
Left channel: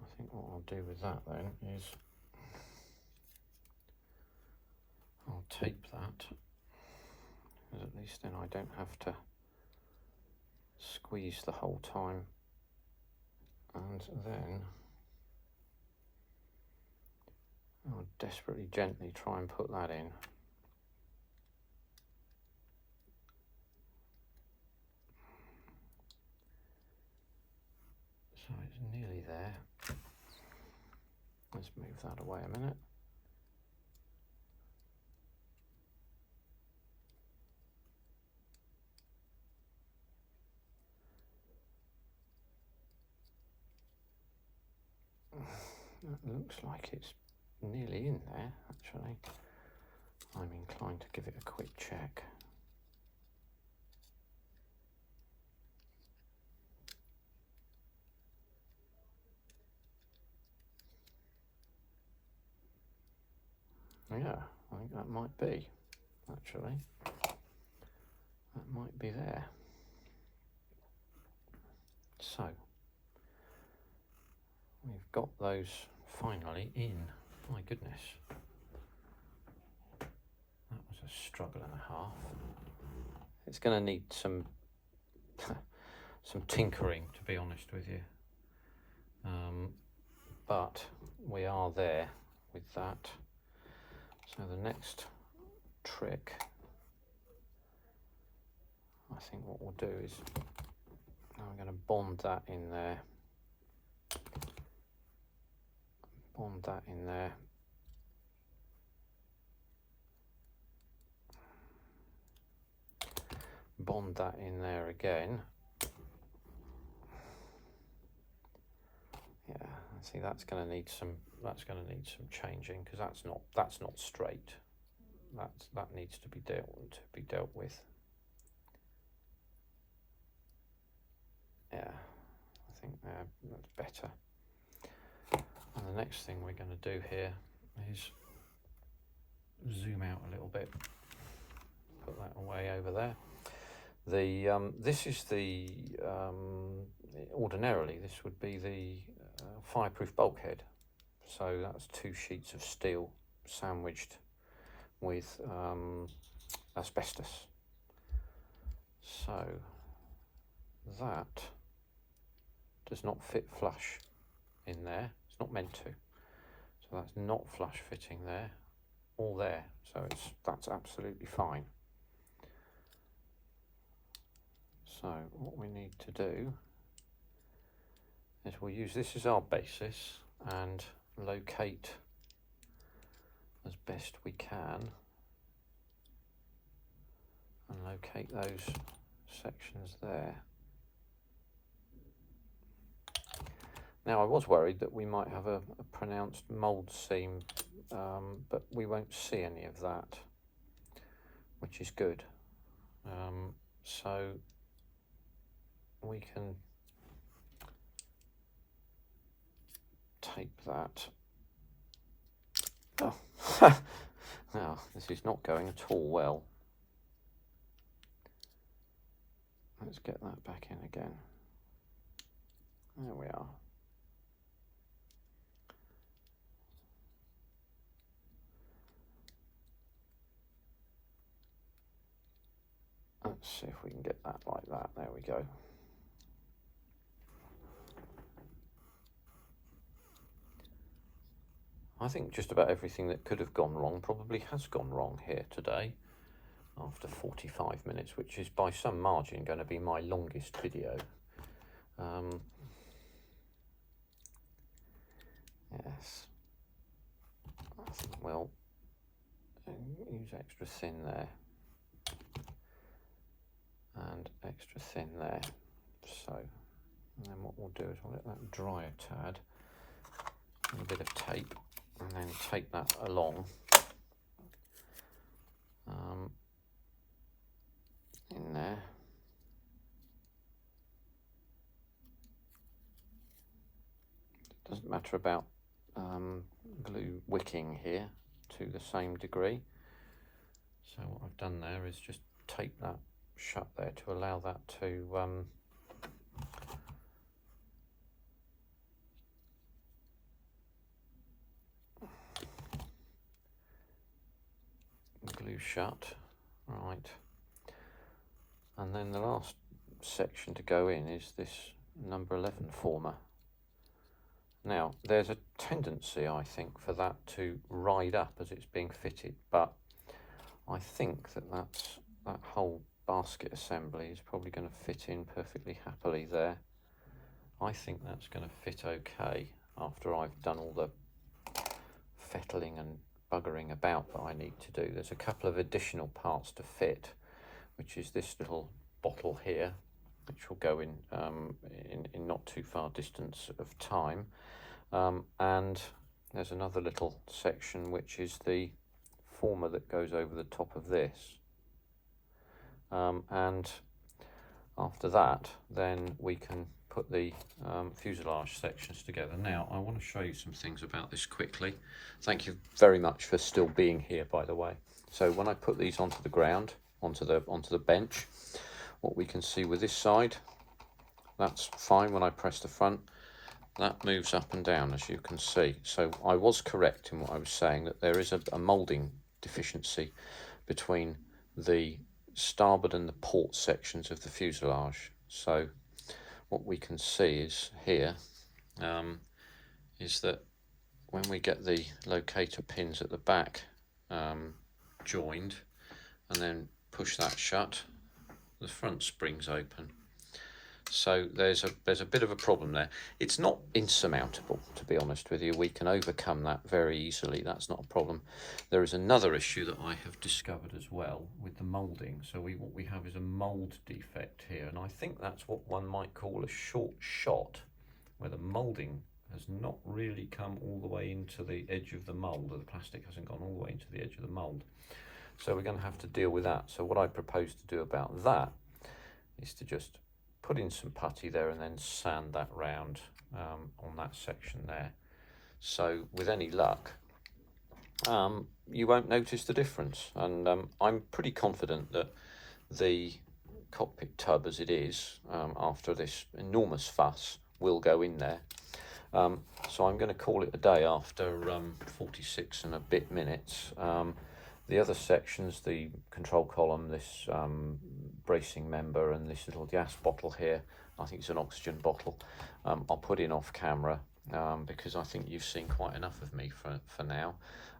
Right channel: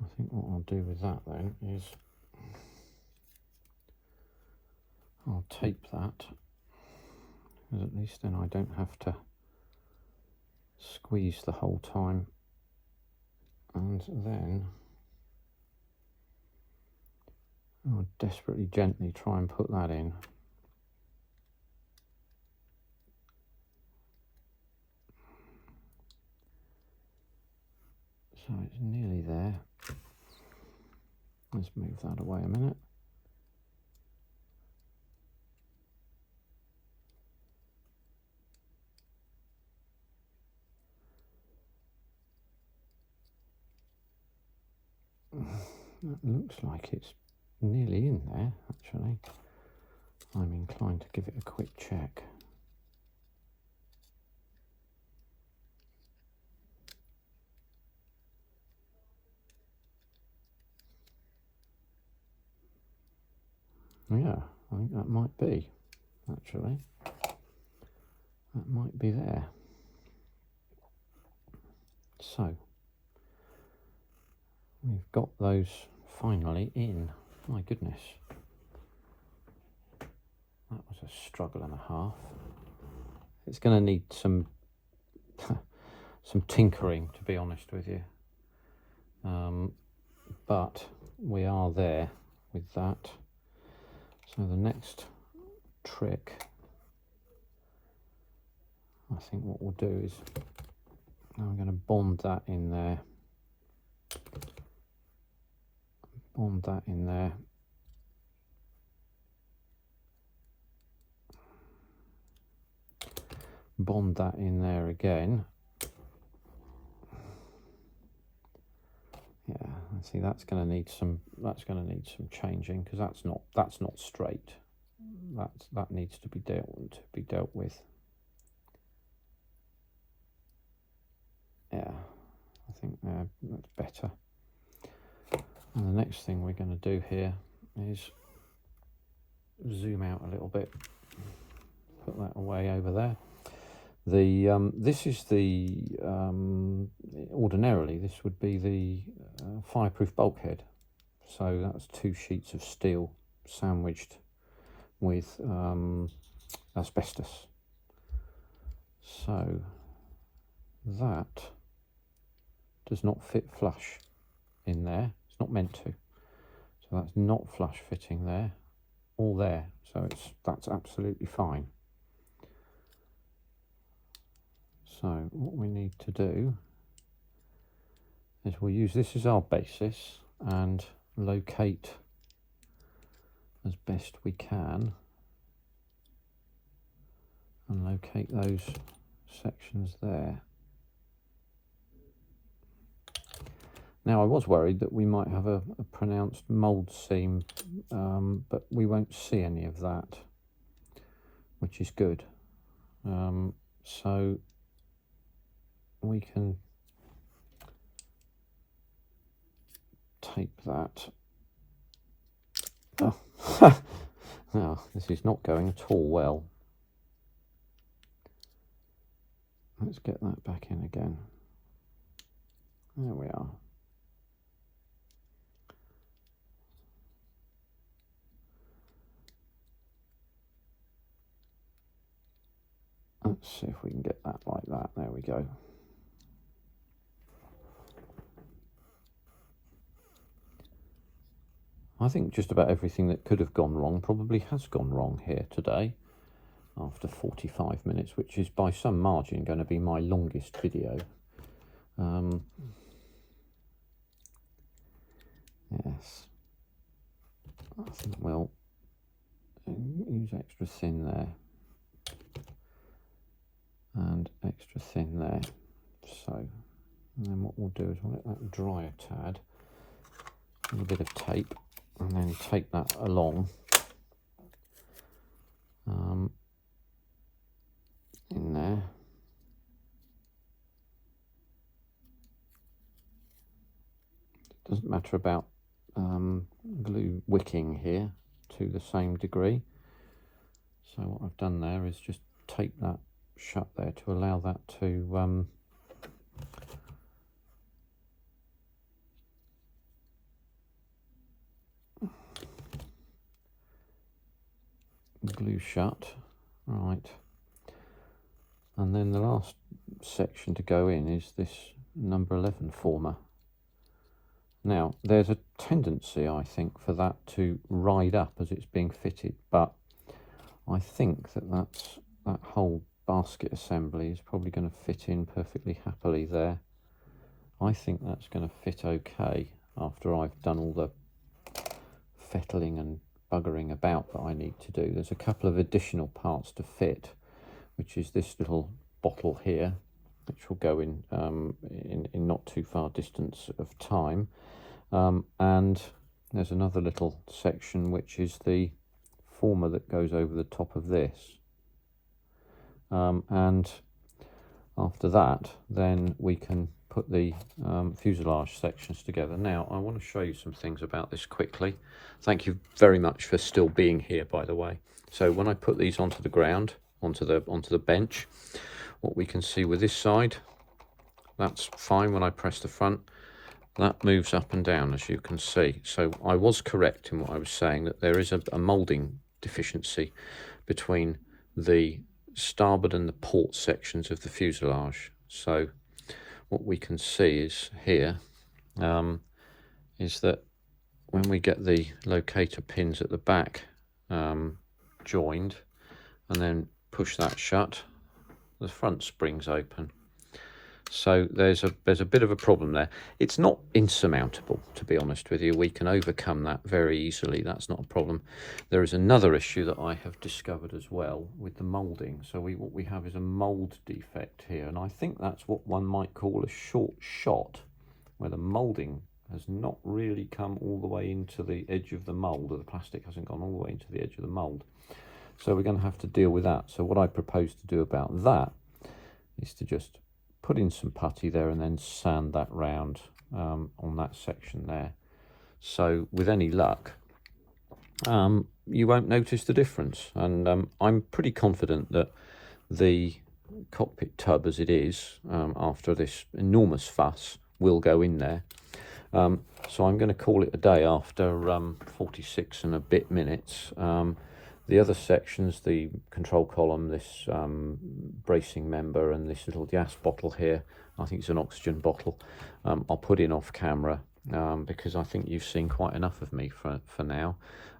I think what I'll do with that then is I'll tape that, because at least then I don't have to squeeze the whole time. And then I'll desperately gently try and put that in. So it's nearly there. Let's move that away a minute. That looks like it's nearly in there, actually. I'm inclined to give it a quick check. Yeah, I think that might be, actually. That might be there. So, we've got those finally in. My goodness. That was a struggle and a half. It's going to need some some tinkering, to be honest with you. But we are there with that. So the next trick, I think what we'll do is I'm going to bond that in there. Bond that in there. bond that in there again. Yeah, see that's going to need some changing, because that's not straight. That needs to be dealt with. Yeah, I think that's better. And the next thing we're going to do here is zoom out a little bit. Put that away over there. This is the ordinarily this would be the fireproof bulkhead. So that's 2 sheets of steel sandwiched with asbestos. So that does not fit flush in there. It's not meant to. So that's not flush fitting there, all there. So that's absolutely fine. So what we need to do is we'll use this as our basis and locate as best we can, and locate those sections there. Now I was worried that we might have a pronounced mould seam, but we won't see any of that, which is good. So we can tape that. Oh. Now this is not going at all well. Let's get that back in again. There we are. Let's see if we can get that like that. There we go. I think just about everything that could have gone wrong probably has gone wrong here today after 45 minutes, which is by some margin going to be my longest video. Yes, I think we'll use extra thin there and extra thin there. So, and then what we'll do is we'll let that dry a tad, a little bit of tape, and then take that along in there. It doesn't matter about glue wicking here to the same degree. So what I've done there is just tape that shut there to allow that to glue shut, right. And then the last section to go in is this number 11 former. Now there's a tendency, I think, for that to ride up as it's being fitted, but I think that whole basket assembly is probably going to fit in perfectly happily there. I think that's going to fit okay after I've done all the fettling and buggering about that I need to do. There's a couple of additional parts to fit, which is this little bottle here, which will go in not too far distance of time, and there's another little section which is the former that goes over the top of this, and after that then we can put the fuselage sections together. Now I want to show you some things about this quickly. Thank you very much for still being here, by the way. So when I put these onto the ground, onto the bench, what we can see with this side, that's fine. When I press the front, that moves up and down, as you can see. So I was correct in what I was saying, that there is a moulding deficiency between the starboard and the port sections of the fuselage. So what we can see is here is that when we get the locator pins at the back joined and then push that shut, the front springs open. So there's a bit of a problem there. It's not insurmountable, to be honest with you. We can overcome that very easily. That's not a problem. There is another issue that I have discovered as well with the moulding. So what we have is a mould defect here, and I think that's what one might call a short shot, where the moulding has not really come all the way into the edge of the mould, or the plastic hasn't gone all the way into the edge of the mould. So we're going to have to deal with that. So what I propose to do about that is to just put in some putty there and then sand that round on that section there. So with any luck, you won't notice the difference. And I'm pretty confident that the cockpit tub as it is, after this enormous fuss, will go in there. So I'm going to call it a day after 46 and a bit minutes. The other sections, the control column, this bracing member, and this little gas bottle here, I think it's an oxygen bottle, I'll put in off camera because I think you've seen quite enough of me for now.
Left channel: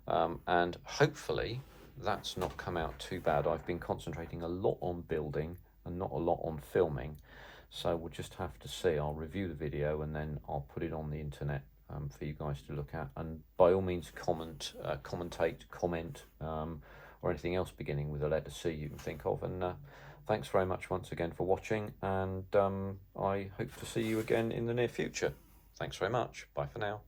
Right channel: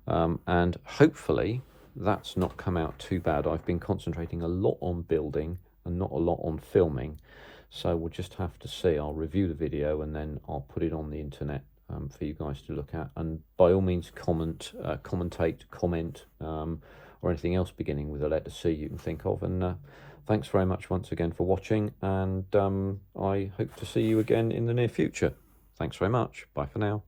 And hopefully that's not come out too bad. I've been concentrating a lot on building and not a lot on filming. So we'll just have to see. I'll review the video and then I'll put it on the internet for you guys to look at. And by all means commentate, comment, or anything else beginning with a letter C you can think of. And thanks very much once again for watching, and I hope to see you again in the near future. Thanks very much. Bye for now.